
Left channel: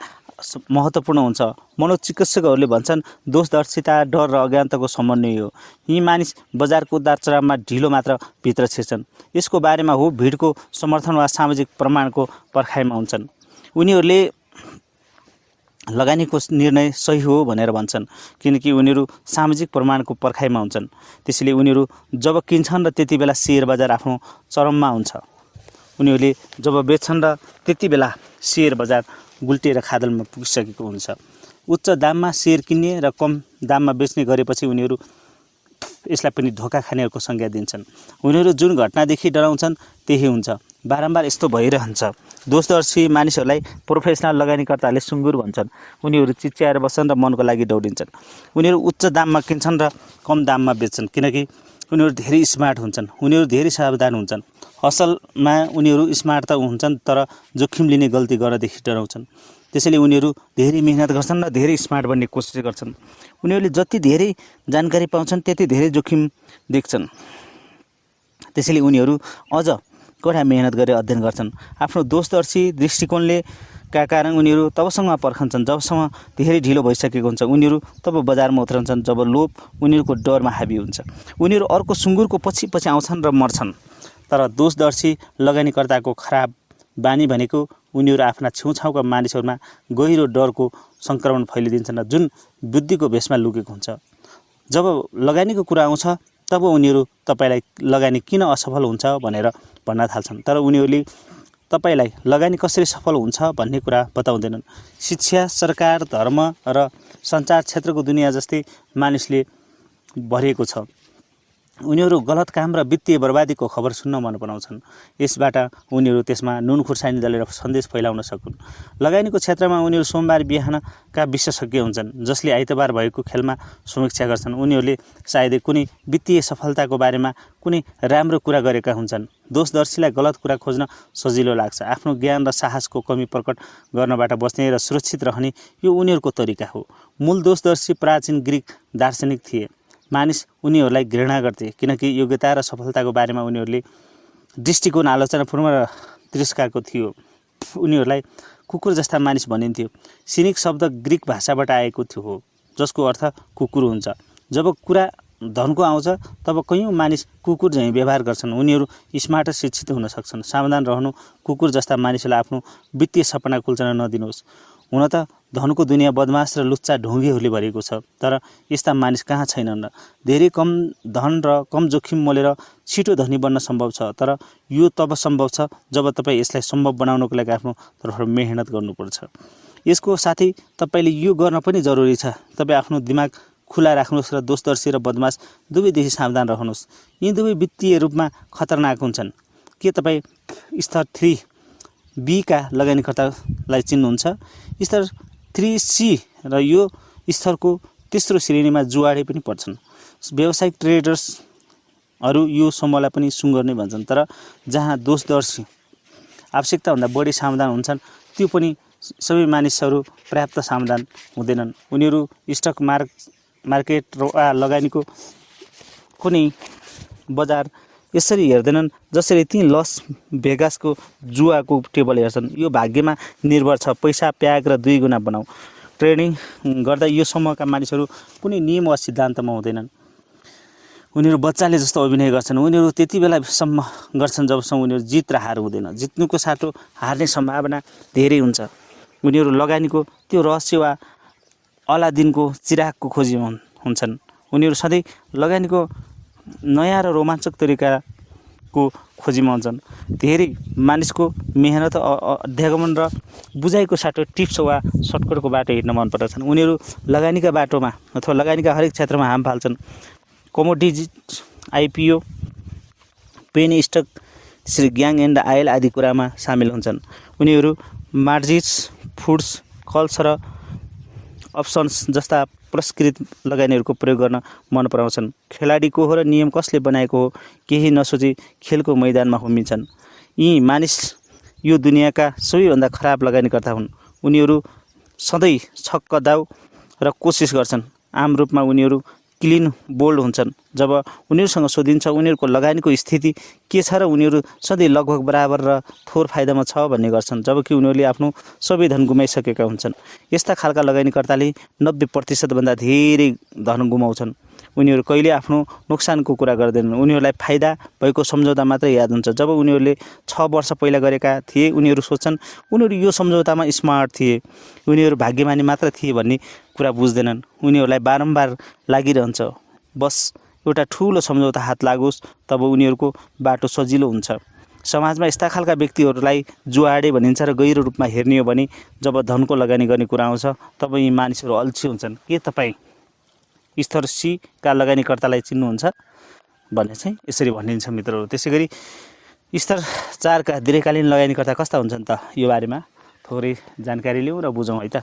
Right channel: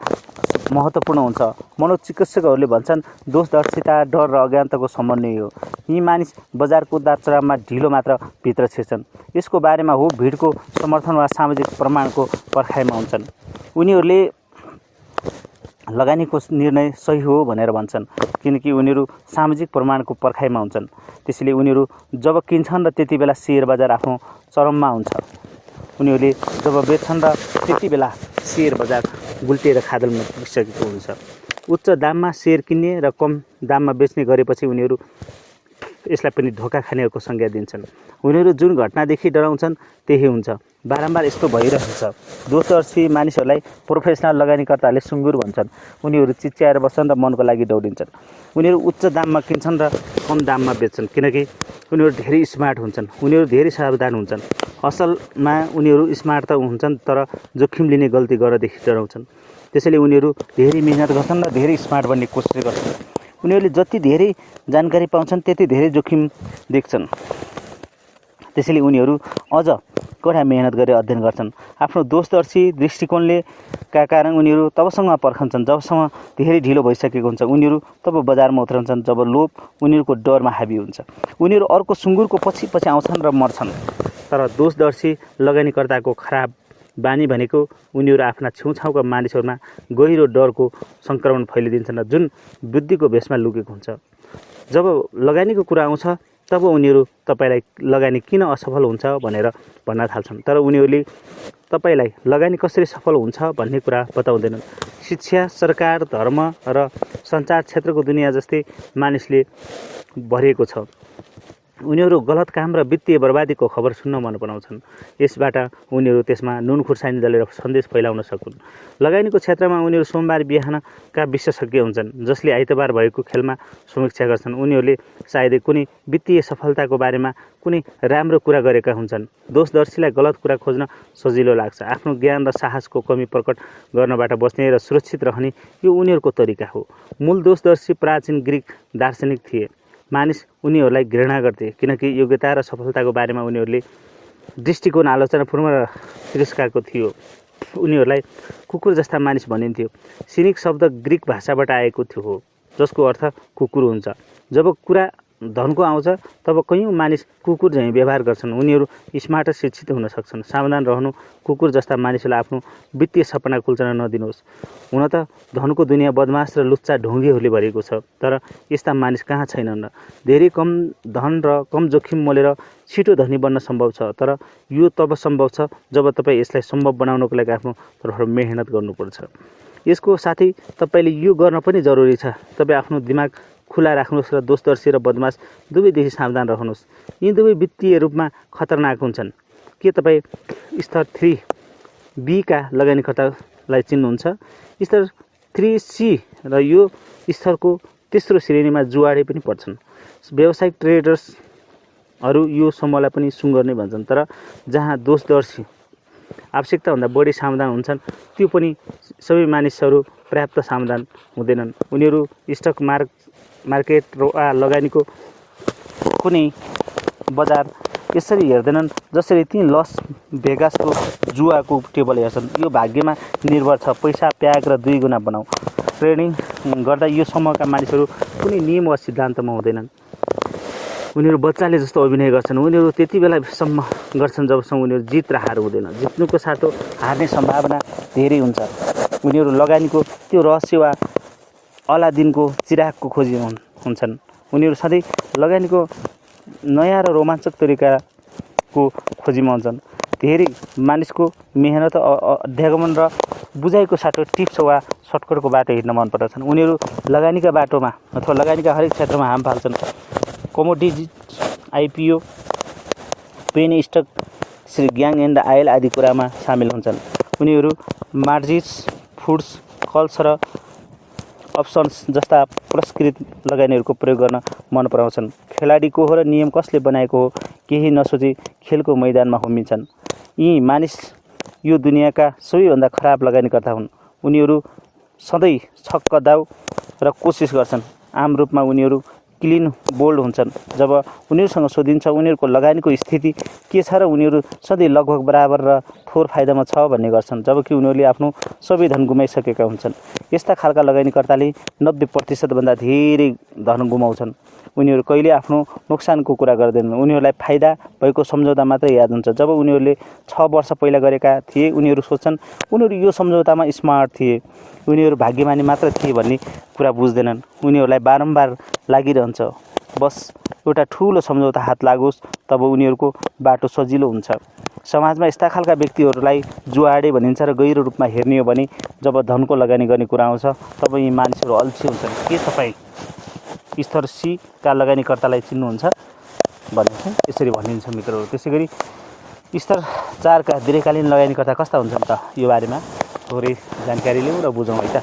महत्त्वपूर्ण हुन्छ। मनोचिकित्सकहरूले भन्छन्, दोषदर्शिता डर र अज्ञानताको समन्वय हो। यी मानिस बजारको उतार-चढावमा ढिलो मात्र भित्र छिर्छन्। यसको बारेमा हो भिडको समर्थन वा सामाजिक प्रमाणको पर्खाइमा हुन्छन्। उनीहरूले लगानीको निर्णय सही हो भनेर भन्छन्, किनकि उनीहरू सामाजिक प्रमाणको पर्खाइमा हुन्छन्। त्यसैले उनीहरू जब किन्छन् र त्यति बेला सेयर बजार आफ्नो चरममा हुन्छ। उनीहरूले जब बेच्छन् र त्यति बेला सेयर बजार गुल्टिएर खादलमा पुगिसकेको हुन्छ। उच्च दाममा सेयर किन्ने र कम दाममा बेच्ने गरेपछि उनीहरू यसलाई पनि धोका खानेहरूको संज्ञा दिन्छन्। उनीहरू जुन घटनादेखि डराउँछन् त्यही हुन्छ। बारम्बार यस्तो भइरहन्छ। दोषदर्शी मानिसहरूलाई प्रोफेसनल लगानीकर्ताहरूले सुँगुर भन्छन्। उनीहरू चिच्याएर बस्छन् र मनको लागि दौडिन्छन्। उनीहरू उच्च दाममा किन्छन् र कम दाममा बेच्छन्, किनकि उनीहरू धेरै स्मार्ट हुन्छन्, उनीहरू धेरै सावधान हुन्छन्। असलमा उनीहरू स्मार्ट त हुन्छन् तर जोखिम लिने गल्ती गर्नदेखि डराउँछन्। त्यसैले उनीहरू धेरै मेहनत गर्छन् र धेरै स्मार्ट बन्ने कोसिस गर्छन्। उनीहरूले जति धेरै जानकारी पाउँछन् त्यति धेरै जोखिम देख्छन्। त्यसैले उनीहरू अझ कडा मेहनत गरेर अध्ययन गर्छन्। आफ्नो दूरदर्शी दृष्टिकोणले का कारण उनीहरू तबसम्म पर्खन्छन् जबसम्म धेरै ढिलो भइसकेको हुन्छ। उनीहरू तब बजारमा उत्रन्छन् जब लोभ उनीहरूको डरमा हाबी हुन्छ। उनीहरू अर्को सुँगुरको पछि पछि आउँछन् र मर्छन्। तर दूरदर्शी लगानीकर्ताको खराब बानी भनेको उनीहरू आफ्ना छेउछाउका मानिसहरूमा गहिरो डरको सङ्क्रमण फैलिदिन्छन् र जुन बुद्धिको भेषमा लुकेको हुन्छ। जब लगानीको कुरा आउँछ तब उनीहरू तपाईँलाई लगानी किन असफल हुन्छ भनेर भन्न थाल्छन्। तर उनीहरूले तपाईँलाई लगानी कसरी सफल हुन्छ भन्ने कुरा बताउँदैनन्। शिक्षा, सरकार, धर्म र सञ्चार क्षेत्रको दुनियाँ जस्तै मानिसले भरिएको छ। उनीहरू गलत काम र वित्तीय बर्बादीको खबर सुन्न मन पराउँछन्। यसबाट उनीहरू त्यसमा नुन खुर्सानी दलेर सन्देश फैलाउन सकुन्। लगानीको क्षेत्रमा उनीहरू सोमबार बिहानका विशेषज्ञ हुन्छन् जसले आइतबार भएको खेलमा समीक्षा गर्छन्। उनीहरूले सायदै कुनै वित्तीय सफलताको बारेमा कुनै राम्रो कुरा गरेका हुन्छन्। दोषदर्शीलाई गलत कुरा खोज्न सजिलो लाग्छ। आफ्नो ज्ञान र साहसको कमी प्रकट गर्नबाट बच्ने र सुरक्षित रहने यो उनीहरूको तरिका हो। मूल दोषदर्शी प्राचीन ग्रिक दार्शनिक थिए। मानिस उनीहरूलाई घृणा गर्थे किनकि योग्यता र सफलताको बारेमा उनीहरूले दृष्टिकोण आलोचनापूर्ण र तिरस्कारको थियो। उनीहरूलाई कुकुर जस्ता मानिस भनिन्थ्यो। सिनिक शब्द ग्रिक भाषाबाट आएको हो जसको अर्थ कुकुर हुन्छ। जब कुरा धनको आउँछ तब कयौँ मानिस कुकुर झैँ व्यवहार गर्छन्। उनीहरू स्मार्ट र शिक्षित हुन सक्छन्। सावधान रहनु। कुकुर जस्ता मानिसलाई आफ्नो वित्तीय सपना कुल्चन नदिनुहोस्। हुन त धनको दुनियाँ बदमास र लुच्चा ढोंगीहरूले भरिएको छ तर यस्ता मानिस कहाँ छैनन् र। धेरै कम धन र कम जोखिम मोलेर छिटो धनी बन्न सम्भव छ तर यो तब सम्भव छ जब तपाईँ यसलाई सम्भव बनाउनको लागि आफ्नो तर्फबाट मेहनत गर्नुपर्छ। यसको साथै तपाईँले यो गर्न पनि जरुरी छ। तपाईँ आफ्नो दिमाग खुला राख्नुहोस् र दोषदर्शी र बदमास दुवैदेखि सावधान रहनुहोस्। यी दुवै वित्तीय रूपमा खतरनाक हुन्छन्। के तपाईँ स्तर 3B का लगानीकर्तालाई चिन्नुहुन्छ? स्तर 3C र यो स्तरको तेस्रो श्रेणीमा जुवाडे पनि पर्छन्। व्यावसायिक ट्रेडर्सहरू यो समूहलाई पनि सुँगर नै भन्छन्। तर जहाँ दोषदर्शी आवश्यकताभन्दा बढी सावधान हुन्छन् त्यो पनि सबै मानिसहरू पर्याप्त सावधान हुँदैनन्। उनीहरू स्टक मार्केट र लगानीको कुनै बजार यसरी हेर्दैनन् जसरी ती लस भेगासको जुवाको टेबल हेर्छन्। यो भाग्यमा निर्भर छ। पैसा प्याग र 2 गुणा बनाऊ। ट्रेडिङ गर्दा यो समूहका मानिसहरू कुनै नियम वा सिद्धान्तमा हुँदैनन्। उनीहरू बच्चाले जस्तो अभिनय गर्छन्। उनीहरू त्यति बेलासम्म गर्छन् जबसम्म उनीहरू जित र हार हुँदैन। जित्नुको साटो हार्ने सम्भावना धेरै हुन्छ। उनीहरू लगानीको त्यो रहस्य वा अलादिनको चिरागको खोजी हुन्छन्। उनीहरू सधैँ लगानीको नयाँ र रोमाञ्चक तरिकाको खोजीमा हुन्छन्। धेरै मानिसको मेहनत, अध्यागमन र बुझाइको साटो टिप्स वा सर्टकटको बाटो हिँड्न मन पर्दछन्। उनीहरू लगानीका बाटोमा अथवा लगानीका हरेक क्षेत्रमा हाम फाल्छन्। कमोडिटिज, IPO, पेनी स्टक, ग्याङ एन्ड आयल आदि कुरामा सामेल हुन्छन्। उनीहरू मार्जिट्स, फुड्स, कल्स र अप्सन्स जस्ता पुरस्कृत लगानीहरूको प्रयोग गर्न मन पराउँछन्। खेलाडी को हो र नियम कसले बनाएको हो केही नसोची खेलको मैदानमा होमिन्छन्। यी मानिस यो दुनियाँका सबैभन्दा खराब लगानीकर्ता हुन्। उनीहरू सधैँ छक्कदाउ र कोसिस गर्छन्। आम रूपमा उनीहरू क्लिन बोल्ड हुन्छन्। जब उनीहरूसँग सोधिन्छ उनीहरूको लगानीको स्थिति के छ र उनीहरू सधैँ लगभग बराबर र थोर फाइदामा छ भन्ने गर्छन् जबकि उनीहरूले आफ्नो सबै धन गुमाइसकेका हुन्छन्। यस्ता खालका लगानीकर्ताले 90% भन्दा धेरै धन गुमाउँछन्। उनीहरू कहिले आफ्नो नोक्सानको कुरा गर्दैनन्। उनीहरूलाई फाइदा भएको सम्झौता मात्र याद हुन्छ। जब उनीहरूले 6 वर्ष पहिला गरेका थिए उनीहरू सोच्छन् उनीहरू यो सम्झौतामा स्मार्ट थिए। उनीहरू भाग्यमानी मात्र थिए भन्ने कुरा बुझ्दैनन्। उनीहरूलाई बारम्बार लागिरहन्छ बस एउटा ठुलो सम्झौता हात लागोस् तब उनीहरूको बाटो सजिलो हुन्छ। समाजमा यस्ता खालका व्यक्तिहरूलाई जुवाडे भनिन्छ र गहिरो रूपमा हेर्ने हो भने जब धनको लगानी गर्ने कुरा आउँछ तब यी मानिसहरू अल्छी हुन्छन्। के तपाईँ स्तर C का लगानीकर्तालाई चिन्नुहुन्छ भन्ने चाहिँ यसरी भनिन्छ मित्रहरू। त्यसै गरी स्तर 4 का दीर्घकालीन लगानीकर्ता कस्ता हुन्छन् त यो बारेमा थोरै जानकारी लिउँ र बुझौँ है त।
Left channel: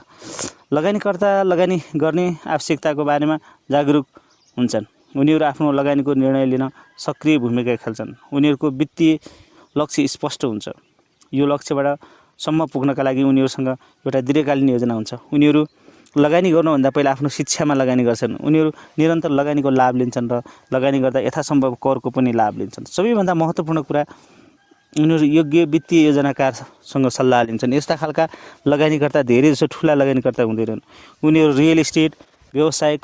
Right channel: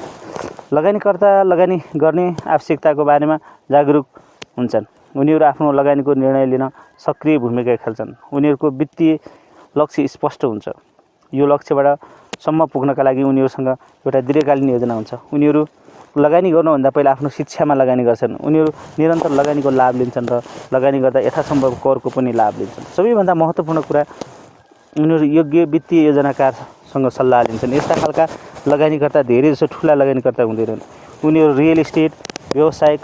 लगानीकर्ता लगानी गर्ने आवश्यकताको बारेमा जागरुक हुन्छन्। उनीहरू आफ्नो लगानीको निर्णय लिन सक्रिय भूमिका खेल्छन्। उनीहरूको वित्तीय लक्ष्य स्पष्ट हुन्छ। यो लक्ष्यबाट सम्म पुग्नका लागि उनीहरूसँग एउटा दीर्घकालीन योजना हुन्छ। उनीहरू लगानी गर्नुभन्दा पहिला आफ्नो शिक्षामा लगानी गर्छन्। उनीहरू निरन्तर लगानीको लाभ लिन्छन् र लगानी गर्दा यथासम्भव करको पनि लाभ लिन्छन्। सबैभन्दा महत्त्वपूर्ण कुरा, उनीहरू योग्य वित्तीय योजनाकारसँग सल्लाह लिन्छन्। यस्ता खालका लगानीकर्ता धेरै जसो ठुला लगानीकर्ता हुँदैनन्। उनीहरू रियल इस्टेट, व्यवसाय,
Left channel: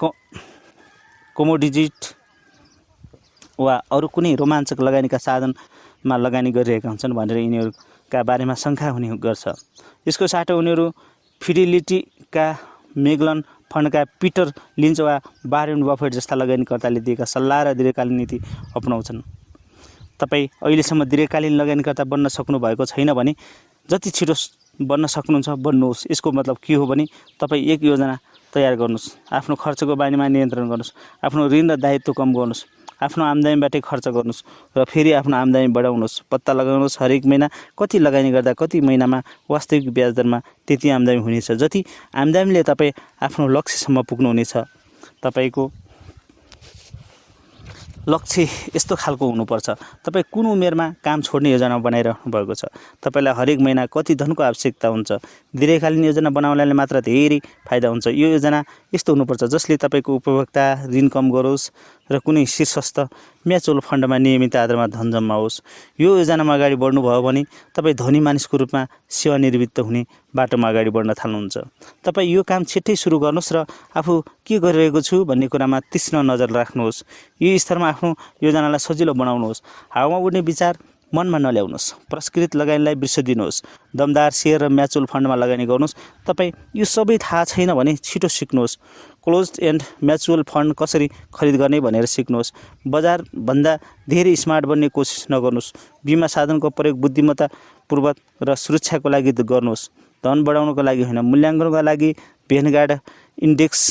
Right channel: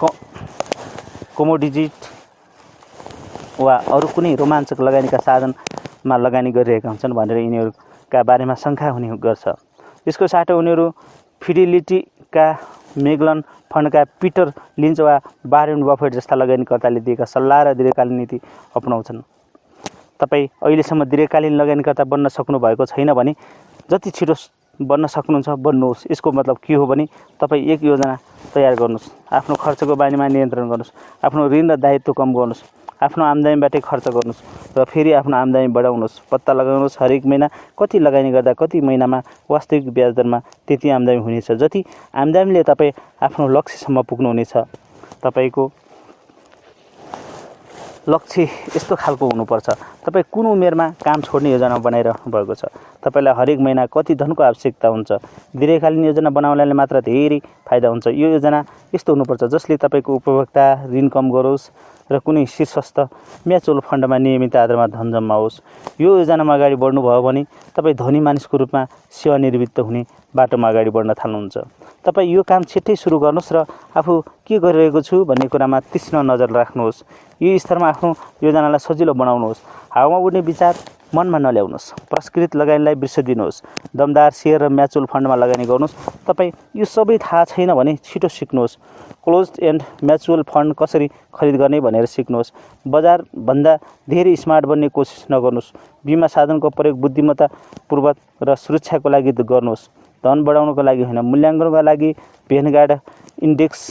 कमोडिटी वा अरू कुनै रोमाञ्चक लगानीका साधनमा लगानी गरिरहेका हुन्छन् भनेर यिनीहरूका बारेमा शङ्का हुने गर्छ। यसको साटो उनीहरू फिडेलिटीका मेगलन फन्डका पिटर लिन्च वा वारेन बफेट जस्ता लगानीकर्ताले दिएका सल्लाह र दीर्घकालीन नीति अपनाउँछन्। तपाईँ अहिलेसम्म दीर्घकालीन लगानीकर्ता बन्न सक्नुभएको छैन भने जति छिटो बन्न सक्नुहुन्छ बन्नुहोस्। यसको मतलब के हो भने तपाईँ एक योजना तयार गर्नुहोस्, आफ्नो खर्चको बारेमा नियन्त्रण गर्नुहोस्, आफ्नो ऋण र दायित्व कम गर्नुहोस्, आफ्नो आम्दानीबाटै खर्च गर्नुहोस् र फेरि आफ्नो आम्दानी बढाउनुहोस्। पत्ता लगाउनुहोस् हरेक महिना कति लगानी गर्दा कति महिनामा वास्तविक ब्याज दरमा त्यति आम्दानी हुनेछ जति आम्दानीले तपाईँ आफ्नो लक्ष्यसम्म पुग्नुहुनेछ। तपाईँको लक्ष्य यस्तो खालको हुनुपर्छ। तपाईँ कुन उमेरमा काम छोड्ने योजना बनाइरहनु भएको छ? तपाईँलाई हरेक महिना कति धनको आवश्यकता हुन्छ? दीर्घकालीन योजना बनाउनाले मात्र धेरै फाइदा हुन्छ। यो योजना यस्तो हुनुपर्छ जसले तपाईँको उपभोक्ता ऋण कम गरोस् र कुनै शीर्षस्थ म्युचुअल फन्डमा नियमित आधारमा धन जम्माओस्। यो योजनामा अगाडि बढ्नुभयो भने तपाईँ धनी मानिसको रूपमा सेवानिवृत्त हुने बाटोमा अगाडि बढ्न थाल्नुहुन्छ। तपाईँ यो काम छिट्टै सुरु गर्नुहोस् र आफू के गरिरहेको छु भन्ने कुरामा तीक्ष्ण नजर राख्नुहोस्। यो स्तरमा आफ्नो योजनालाई सजिलो बनाउनुहोस्। हावामा उड्ने विचार मनमा नल्याउनुहोस्। परिष्कृत लगानीलाई वृत्ति दिनुहोस्। दमदार सेयर र म्युचुअल फन्डमा लगानी गर्नुहोस्। तपाईँ यो सबै थाहा छैन भने छिटो सिक्नुहोस्। क्लोज्ड एन्ड म्युचुअल फन्ड कसरी खरिद गर्ने भनेर सिक्नुहोस्। बजारभन्दा धेरै स्मार्ट बन्ने कोसिस नगर्नुहोस्। बिमा साधनको प्रयोग बुद्धिमत्तापूर्वक र सुरक्षाको लागि गर्नुहोस्, धन बढाउनको लागि होइन। मूल्याङ्कनका लागि भेनगार्ड इन्डेक्स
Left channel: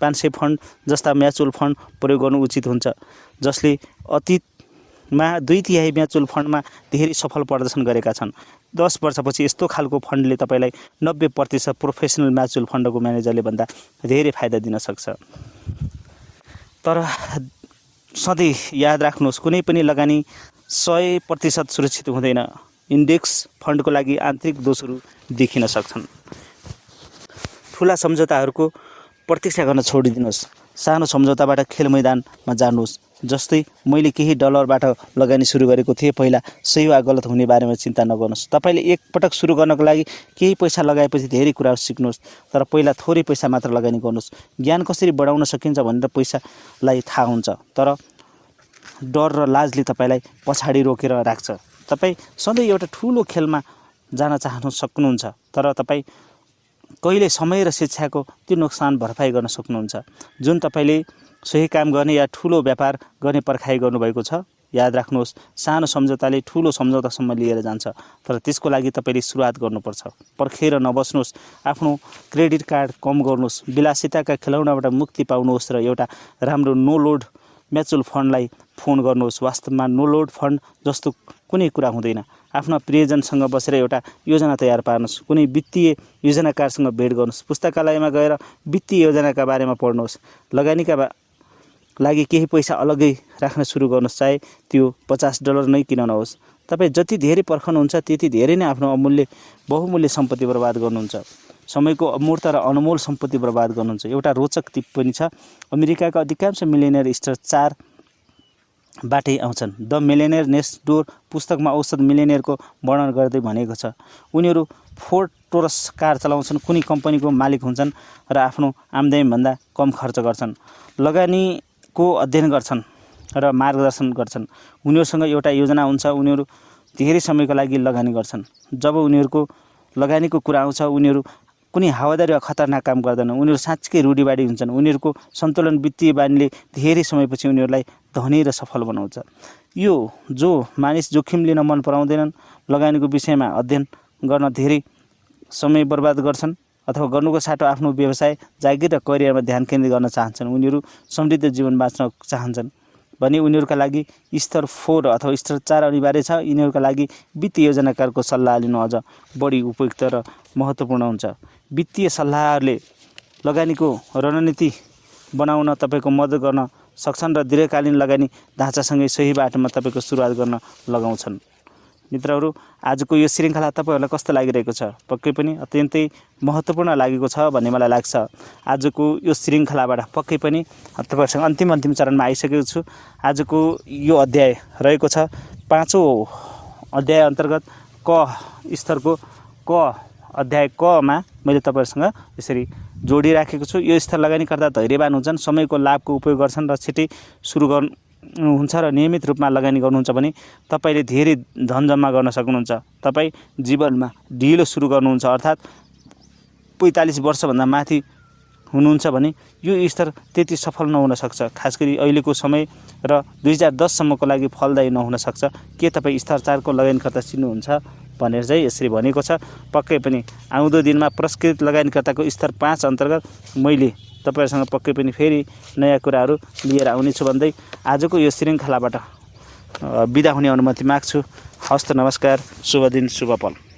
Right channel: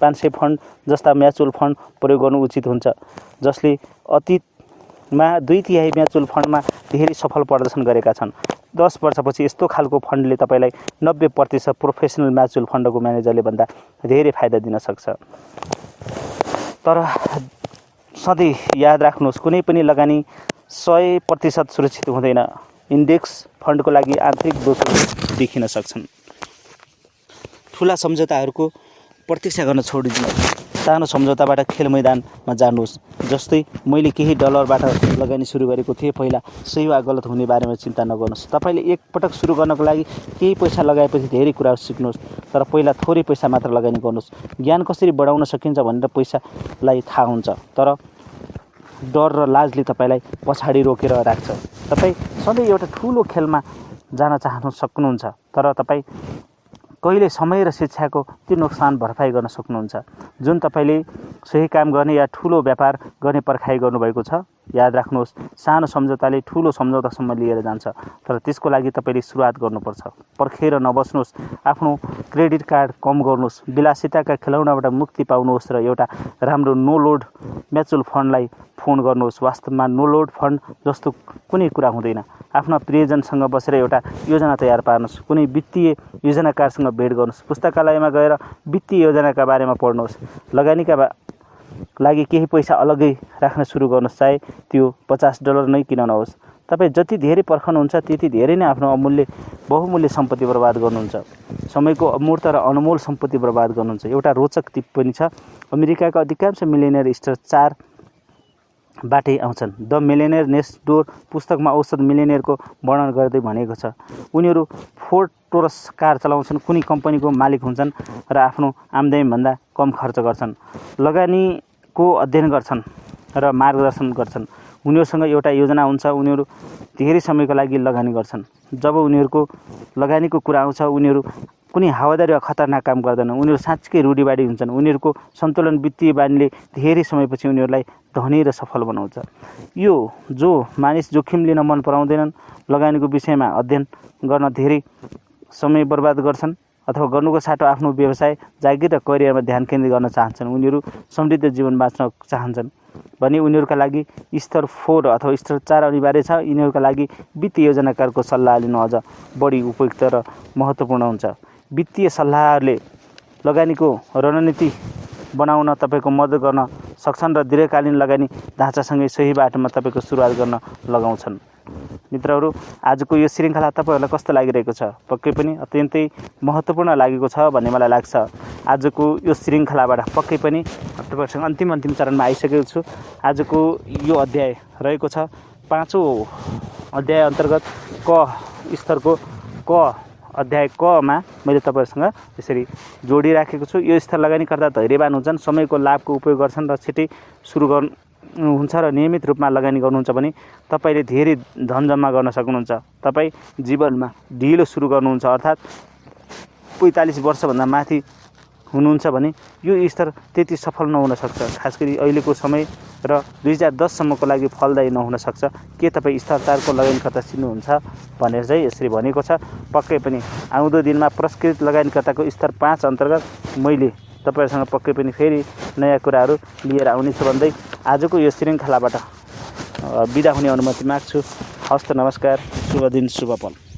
500 फन्ड जस्ता म्युचुअल फन्ड प्रयोग गर्नु उचित हुन्छ, जसले अतीतमा 2/3 म्युचुअल फन्डमा धेरै सफल प्रदर्शन गरेका छन्। 10 वर्षपछि यस्तो खालको फन्डले तपाईँलाई 90% प्रोफेसनल म्युचुअल फन्डको म्यानेजरले भन्दा धेरै फाइदा दिन सक्छ। तर सधैँ याद राख्नुहोस्, कुनै पनि लगानी 100% सुरक्षित हुँदैन। इन्डेक्स फन्डको लागि आन्तरिक दोषहरू देखिन सक्छन्। ठुला सम्झौताहरूको प्रतीक्षा गर्न छोडिदिनुहोस्। सानो सम्झौताबाट खेल मैदानमा जानुहोस्। जस्तै मैले केही डलरबाट लगानी सुरु गरेको थिएँ। पहिला सही वा गलत हुने बारेमा चिन्ता नगर्नुहोस्। तपाईँले एकपटक सुरु गर्नको लागि केही पैसा लगाएपछि धेरै कुराहरू सिक्नुहोस्, तर पहिला थोरै पैसा मात्र लगानी गर्नुहोस्। ज्ञान कसरी बढाउन सकिन्छ भनेर पैसालाई थाहा हुन्छ, तर डर र लाजले तपाईँलाई पछाडि रोकेर राख्छ। तपाईँ सधैँ एउटा ठुलो खेलमा जान सक्नुहुन्छ, तर तपाईँ कहिले समय र शिक्षाको त्यो नोक्सान भरपाई गर्न सक्नुहुन्छ जुन तपाईँले सही काम गर्ने या ठुलो व्यापार गर्ने पर्खाइ गर्नुभएको छ। याद राख्नुहोस्, सानो सम्झौताले ठुलो सम्झौतासम्म लिएर जान्छ, तर त्यसको लागि तपाईँले सुरुवात गर्नुपर्छ। पर्खेर नबस्नुहोस्। आफ्नो क्रेडिट कार्ड कम गर्नुहोस्। विलासिताका खेलौनाबाट मुक्ति पाउनुहोस् र एउटा राम्रो नो लोड म्युचुअल फन्डलाई फोन गर्नुहोस्। वास्तवमा नो लोड फन्ड जस्तो कुनै कुरा हुँदैन। आफ्ना प्रियजनसँग बसेर एउटा योजना तयार पार्नुहोस्। कुनै वित्तीय योजनाकारसँग भेट गर्नुहोस्। पुस्तकालयमा गएर वित्तीय योजनाका बारेमा पढ्नुहोस्। लगानीका लागि केही पैसा अलग्गै राख्न सुरु गर्नुहोस्, चाहे त्यो $50 नै किन नहोस्। तपाईँ जति धेरै पर्खनुहुन्छ त्यति धेरै नै आफ्नो बहुमूल्य सम्पत्ति बर्बाद गर्नुहुन्छ। समयको अमूर्त र अनमोल सम्पत्ति बर्बाद गर्नुहुन्छ। एउटा रोचक टिप्पणी छ, अमेरिकाका अधिकांश मिलियनियर स्टार 4 बाटै आउँछन्। द मिलियनियर नेक्स्ट डोर पुस्तकमा औसत मिलियनियरको वर्णन गर्दै भनेको छ, उनीहरू फोर्ड टोरस कार चलाउँछन्, कुनै कम्पनीको मालिक हुन्छन् र आफ्नो आम्दानीभन्दा कम खर्च गर्छन्, लगानीको अध्ययन गर्छन् र मार्गदर्शन गर्छन्। उनीहरूसँग एउटा योजना हुन्छ। उनीहरू धेरै समयको लागि लगानी गर्छन्। जब उनीहरूको लगानीको कुरा आउँछ, उनीहरू कुनै हावादारी वा खतरनाक काम गर्दैनन्। उनीहरू साँच्चै रूढिवादी हुन्छन्। उनीहरूको सन्तुलन वित्तीय बानीले धेरै समयपछि उनीहरूलाई धनी र सफल बनाउँछ। यो जो मानिस जोखिम लिन मन पराउँदैनन्, लगानीको विषयमा अध्ययन गर्न धेरै समय बर्बाद गर्छन् अथवा गर्नुको साटो आफ्नो व्यवसाय, जागिर र करियरमा ध्यान केन्द्रित गर्न चाहन्छन्, उनीहरू समृद्ध जीवन बाँच्न चाहन्छन् भने उनीहरूका लागि स्तर 4 अथवा स्तर 4 अनिवार्य छ। यिनीहरूका लागि वित्तीय योजनाकारको सल्लाह लिनु अझ बढी उपयुक्त र महत्त्वपूर्ण हुन्छ। वित्तीय सल्लाहले लगानीको रणनीति बनाउन तपाईँको मद्दत गर्न सक्छन् र दीर्घकालीन लगानी ढाँचासँगै सही बाटोमा तपाईँको सुरुवात गर्न लगाउँछन्। मित्रहरू, आजको यो श्रृङ्खला तपाईँहरूलाई कस्तो लागिरहेको छ? पक्कै पनि अत्यन्तै महत्त्वपूर्ण लागेको छ भन्ने मलाई लाग्छ। आजको यो श्रृङ्खलाबाट पक्कै पनि तपाईँहरूसँग अन्तिम चरणमा आइसकेको छु। आजको यो अध्याय रहेको छ 5औं अध्याय अन्तर्गत क स्तरको क अध्याय कमा मैले तपाईँहरूसँग यसरी जोडिराखेको छु। यो स्तर लगानीकर्ता धैर्यवान हुन्छन्, समयको लाभको उपयोग गर्छन् र छिटै सुरु गर्नुहुन्छ र नियमित रूपमा लगानी गर्नुहुन्छ भने तपाईँले धेरै धन जम्मा गर्न सक्नुहुन्छ। तपाईँ जीवनमा ढिलो सुरु गर्नुहुन्छ अर्थात् 45 वर्षभन्दा माथि हुनुहुन्छ भने यो स्तर त्यति सफल नहुन सक्छ। खास गरी अहिलेको समय र 2010सम्मको लागि फलदायी नहुन सक्छ। के तपाईँ स्तर 4 को लगानीकर्ता चिन्नुहुन्छ भनेर चाहिँ यसरी भनेको छ। पक्कै पनि आउँदो दिनमा पुरस्कृत लगानीकर्ताको स्तर 5 अन्तर्गत मैले तपाईँहरूसँग पक्कै पनि फेरि नयाँ कुराहरू लिएर आउनेछु भन्दै आजको यो श्रृङ्खलाबाट बिदा हुने अनुमति माग्छु। हस्त नमस्कार, शुभ दिन, शुभ पल।